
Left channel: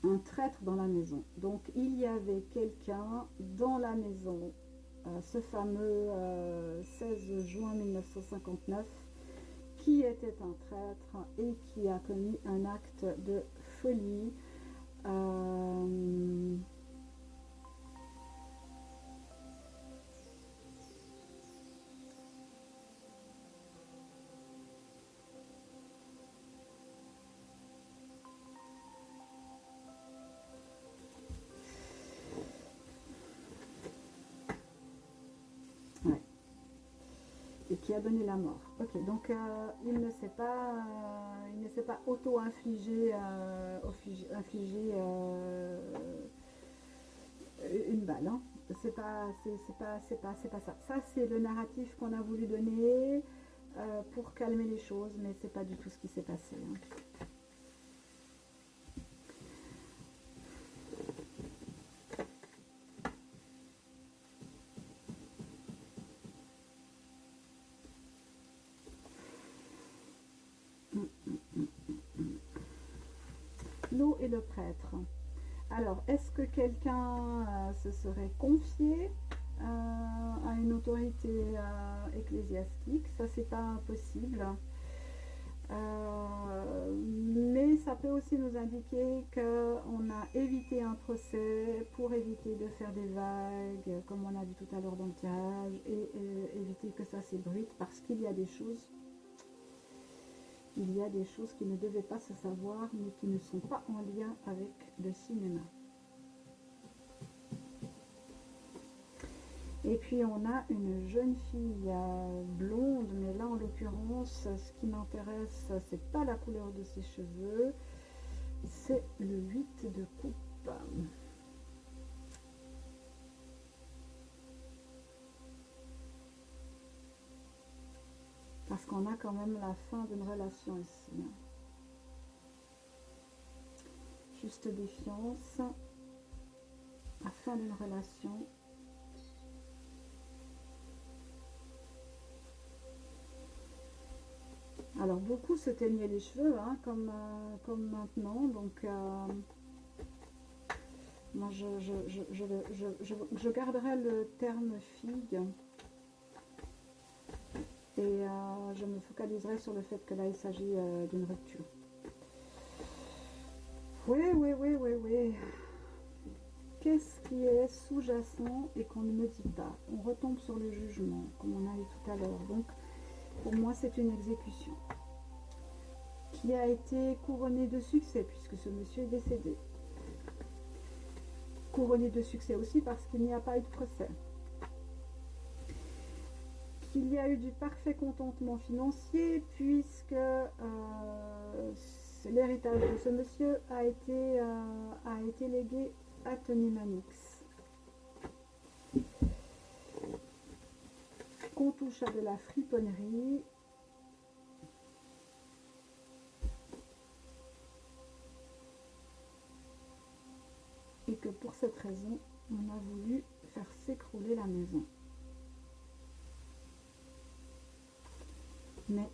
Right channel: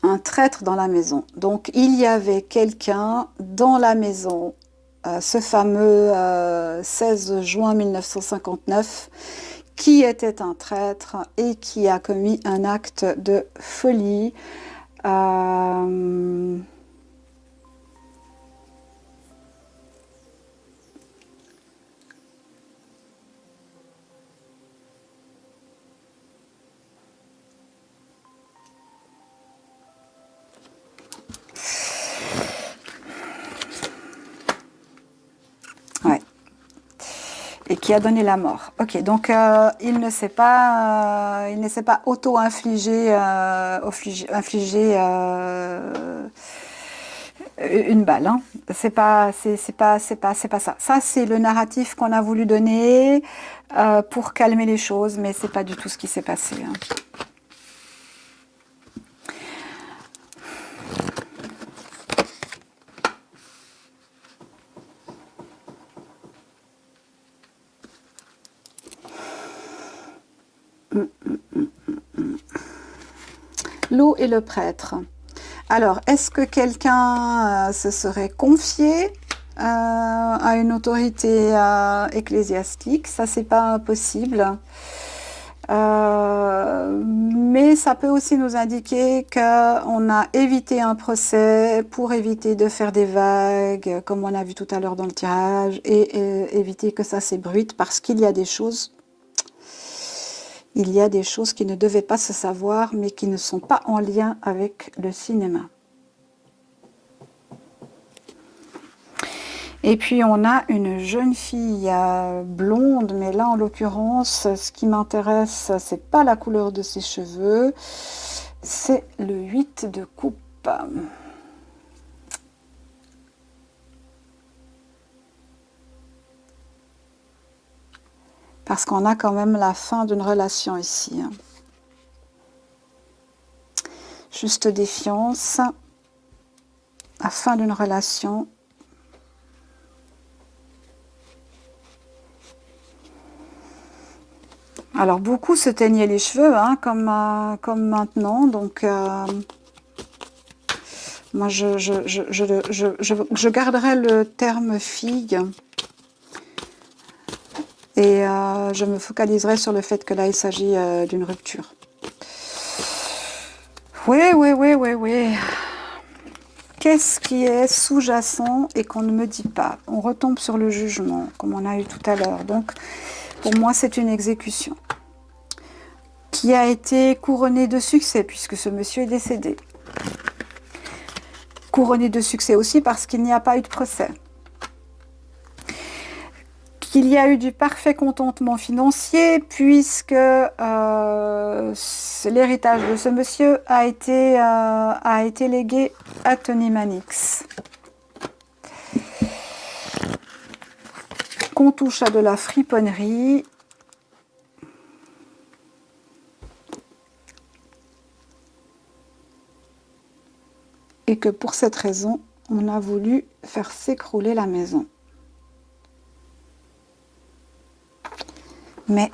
Un traître dans la maison. Donc, il y avait quelqu'un dans la maison, ce fameux 16 juin 1959, qui était un traître et qui a commis un acte de folie. Ouais. Et qui a donné la mort. Ok, donc il ne s'est pas auto-infligé une balle. Hein. C'est pas ça. Ça c'est le narratif qu'on a voulu donner pour calmer les choses, mais c'est pas du tout ce qui s'est passé. Hein. L'eau et le prêtre. Alors, est-ce que quelqu'un se serait confié à une autorité ecclésiastique? Ça, c'est pas impossible. Mais ça peut aussi nous indiquer qu'on a évité un procès pour éviter de faire des vagues, comme on a vu tout à l'heure dans le tirage, et éviter que ça s'ébruite, parce qu'il y a des choses... Il y a des choses qui ne devaient pas se savoir, mais qui ne sont pas en lien avec le cinéma. Et puis on a une jeune fille blonde, mais là en l'occurrence, ce qui m'intéresse, c'est pas la couleur de ses cheveux, c'est le 8 de coupe. Parce qu'on a quand même la fin d'une relation ici. Juste défiance, la fin d'une relation. Alors beaucoup se teignaient les cheveux, hein, comme maintenant, donc moi je garderai le terme fille et je me focaliserai sur le fait que là il s'agit d'une rupture. Oui. Qu'est-ce qui est sous-jacent et qu'on ne me dit pas? On retombe sur le jugement, comme on a eu tout à l'heure. Donc, pour moi, c'est une exécution qui a été couronnée de succès, puisque ce monsieur est décédé. Couronnée de succès aussi parce qu'il n'y a pas eu de procès. Qu'il y a eu du parfait contentement financier, puisque l'héritage de ce monsieur a été légué à Tony Mannix. Qu'on touche à de la friponnerie. Et que pour cette raison, on a voulu faire s'écrouler la maison. Mais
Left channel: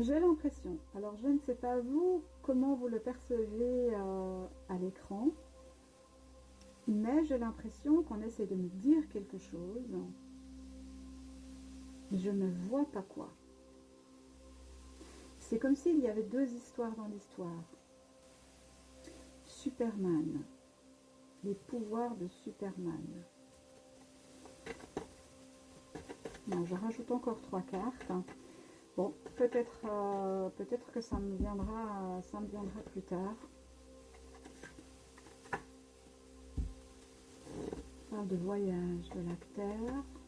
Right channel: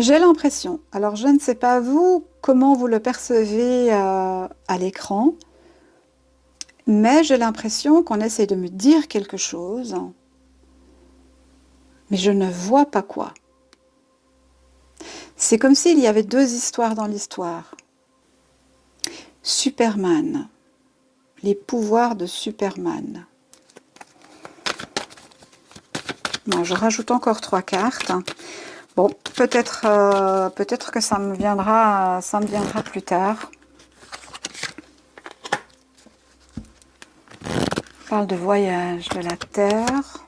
J'ai l'impression, alors je ne sais pas vous, comment vous le percevez à l'écran, mais j'ai l'impression qu'on essaie de me dire quelque chose, mais je ne vois pas quoi. C'est comme s'il y avait deux histoires dans l'histoire. Superman, les pouvoirs de Superman. Bon, je rajoute encore 3 cartes. Bon, peut-être que ça me viendra plus tard. On parle de voyage, de la Terre,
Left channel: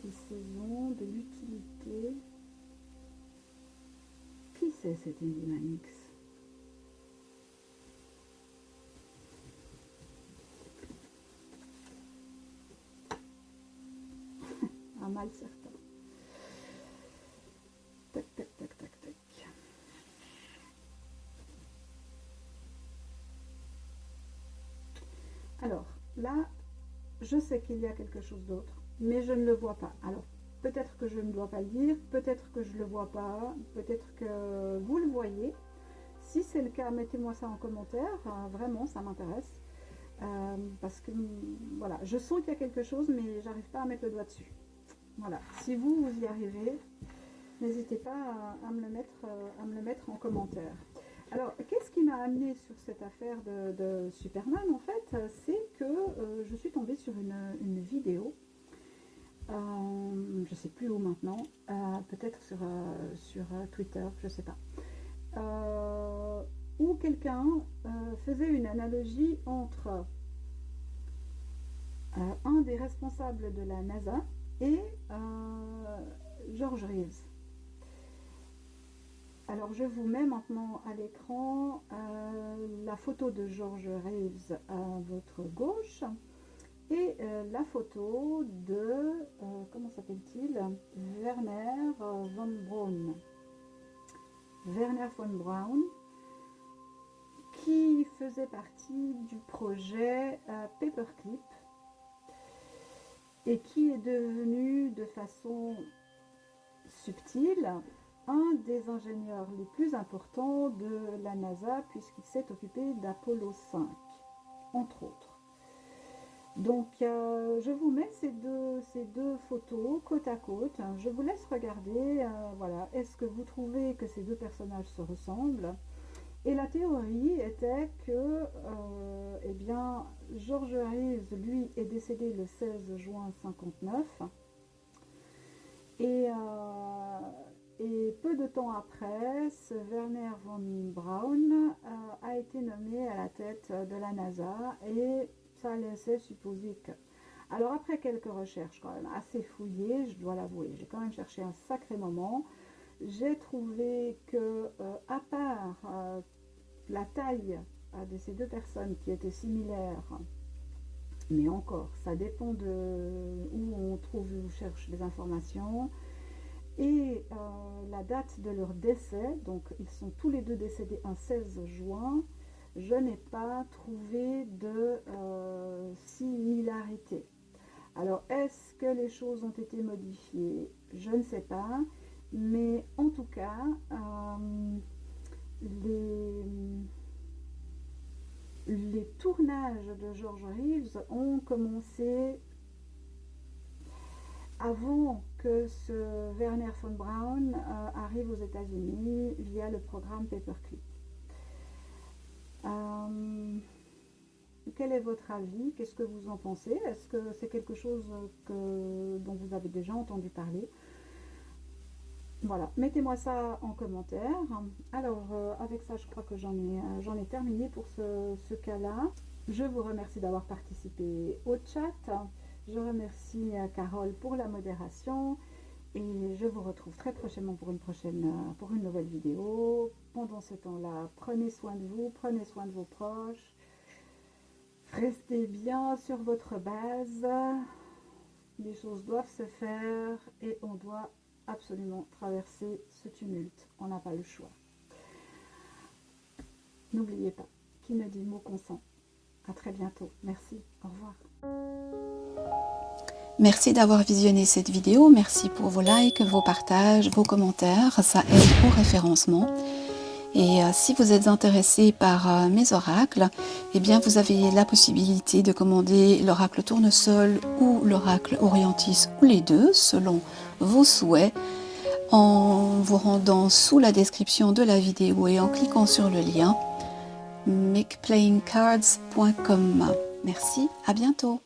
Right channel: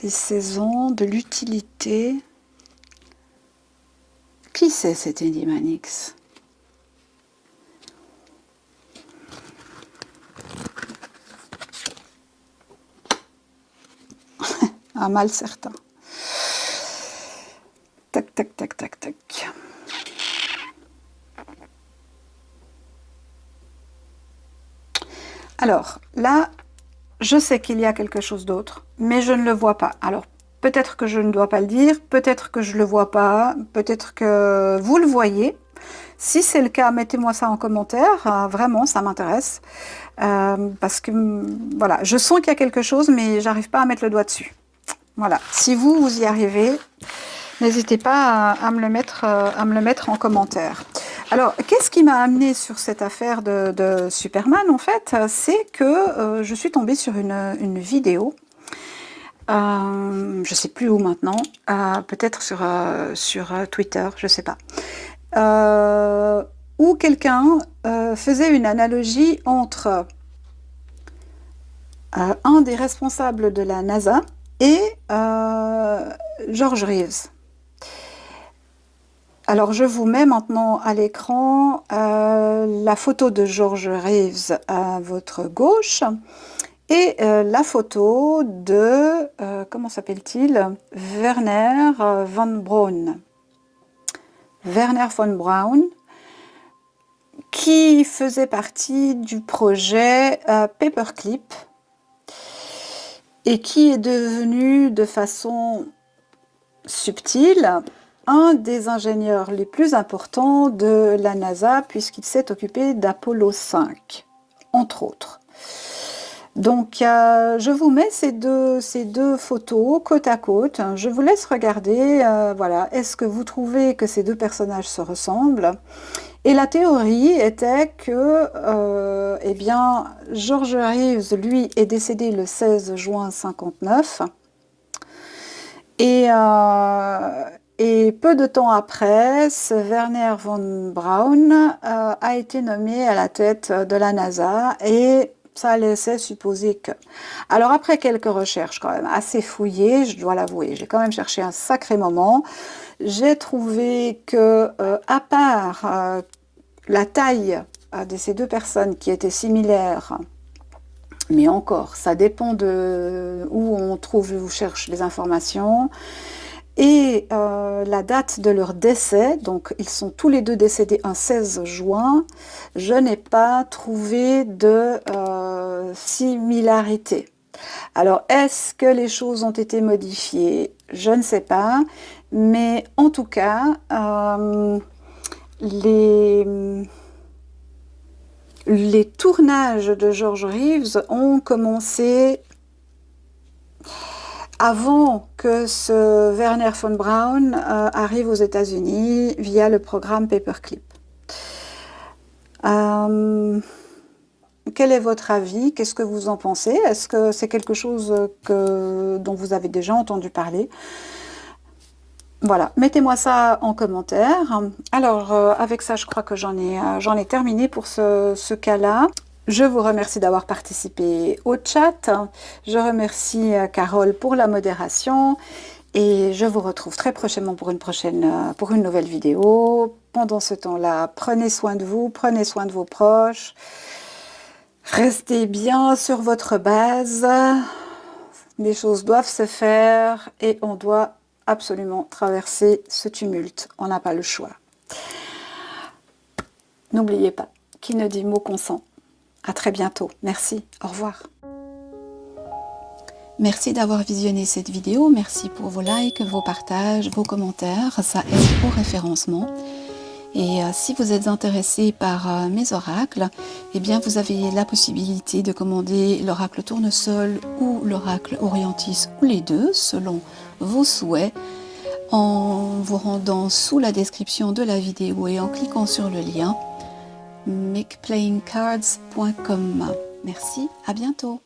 des saisons, de l'utilité. Qui c'est cet Endymanix? Un mal certain. Tac, tac, tac, tac, tac. Alors, là, je sais qu'il y a quelque chose d'autre, mais je ne le vois pas. Alors, peut-être que je ne dois pas le dire, peut-être que je ne le vois pas, peut-être que vous le voyez. Si c'est le cas, mettez-moi ça en commentaire, vraiment, ça m'intéresse. Parce que, voilà, je sens qu'il y a quelque chose, mais j'arrive pas à mettre le doigt dessus. Voilà, si vous, vous y arrivez, n'hésitez pas à me le mettre en commentaire. Alors, qu'est-ce qui m'a amené sur cette affaire de Superman, en fait? C'est que je suis tombée sur une vidéo, je ne sais plus où maintenant, peut-être sur Twitter, je ne sais pas, où quelqu'un faisait une analogie entre un des responsables de la NASA et George Reeves. Alors, je vous mets maintenant à l'écran la photo de George Reeves à votre gauche et la photo de, comment s'appelle-t-il? Werner von Braun. Werner von Braun, qui faisait partie du projet Paperclip et qui est devenu de façon subtile un des ingénieurs les plus importants de la NASA, puisqu'il s'est occupé d'Apollo 5, entre autres. Donc, je vous mets ces deux photos côte à côte. Je vous laisse regarder. Voilà. Est-ce que vous trouvez que ces deux personnages se ressemblent? Et la théorie était que, eh bien, George Reeves, lui, est décédé le 16 juin 59. Et peu de temps après, ce Werner von Braun a été nommé à la tête de la NASA et ça laissait supposer que... Alors après quelques recherches quand même assez fouillées, je dois l'avouer, j'ai quand même cherché un sacré moment, j'ai trouvé que, à part la taille de ces deux personnes qui étaient similaires, mais encore, ça dépend de où on trouve ou cherche les informations, et la date de leur décès, donc ils sont tous les deux décédés un 16 juin, je n'ai pas trouvé de similarité. Alors, est-ce que les choses ont été modifiées? Je ne sais pas, mais en tout cas, les tournages de George Reeves ont commencé avant que ce Werner von Braun arrive aux États-Unis via le programme Paperclip. Quel est votre avis? Qu'est-ce que vous en pensez? Est-ce que c'est quelque chose dont vous avez déjà entendu parler? Voilà, mettez-moi ça en commentaire. Alors, avec ça, je crois que j'en ai terminé pour ce cas-là. Je vous remercie d'avoir participé au chat. Je remercie Carole pour la modération. Et je vous retrouve très prochainement pour une nouvelle vidéo. Pendant ce temps-là, prenez soin de vous, prenez soin de vos proches. Restez bien sur votre base. Les choses doivent se faire et on doit absolument traverser ce tumulte. On n'a pas le choix. N'oubliez pas, qui ne dit mot consent. À très bientôt. Merci. Au revoir. Merci d'avoir visionné cette vidéo, merci pour vos likes, vos partages, vos commentaires, ça aide au référencement. Et si vous êtes intéressé par mes oracles, eh bien vous avez la possibilité de commander l'oracle tournesol ou l'oracle orientis ou les deux selon vos souhaits en vous rendant sous la description de la vidéo et en cliquant sur le lien makeplayingcards.com. Merci, à bientôt.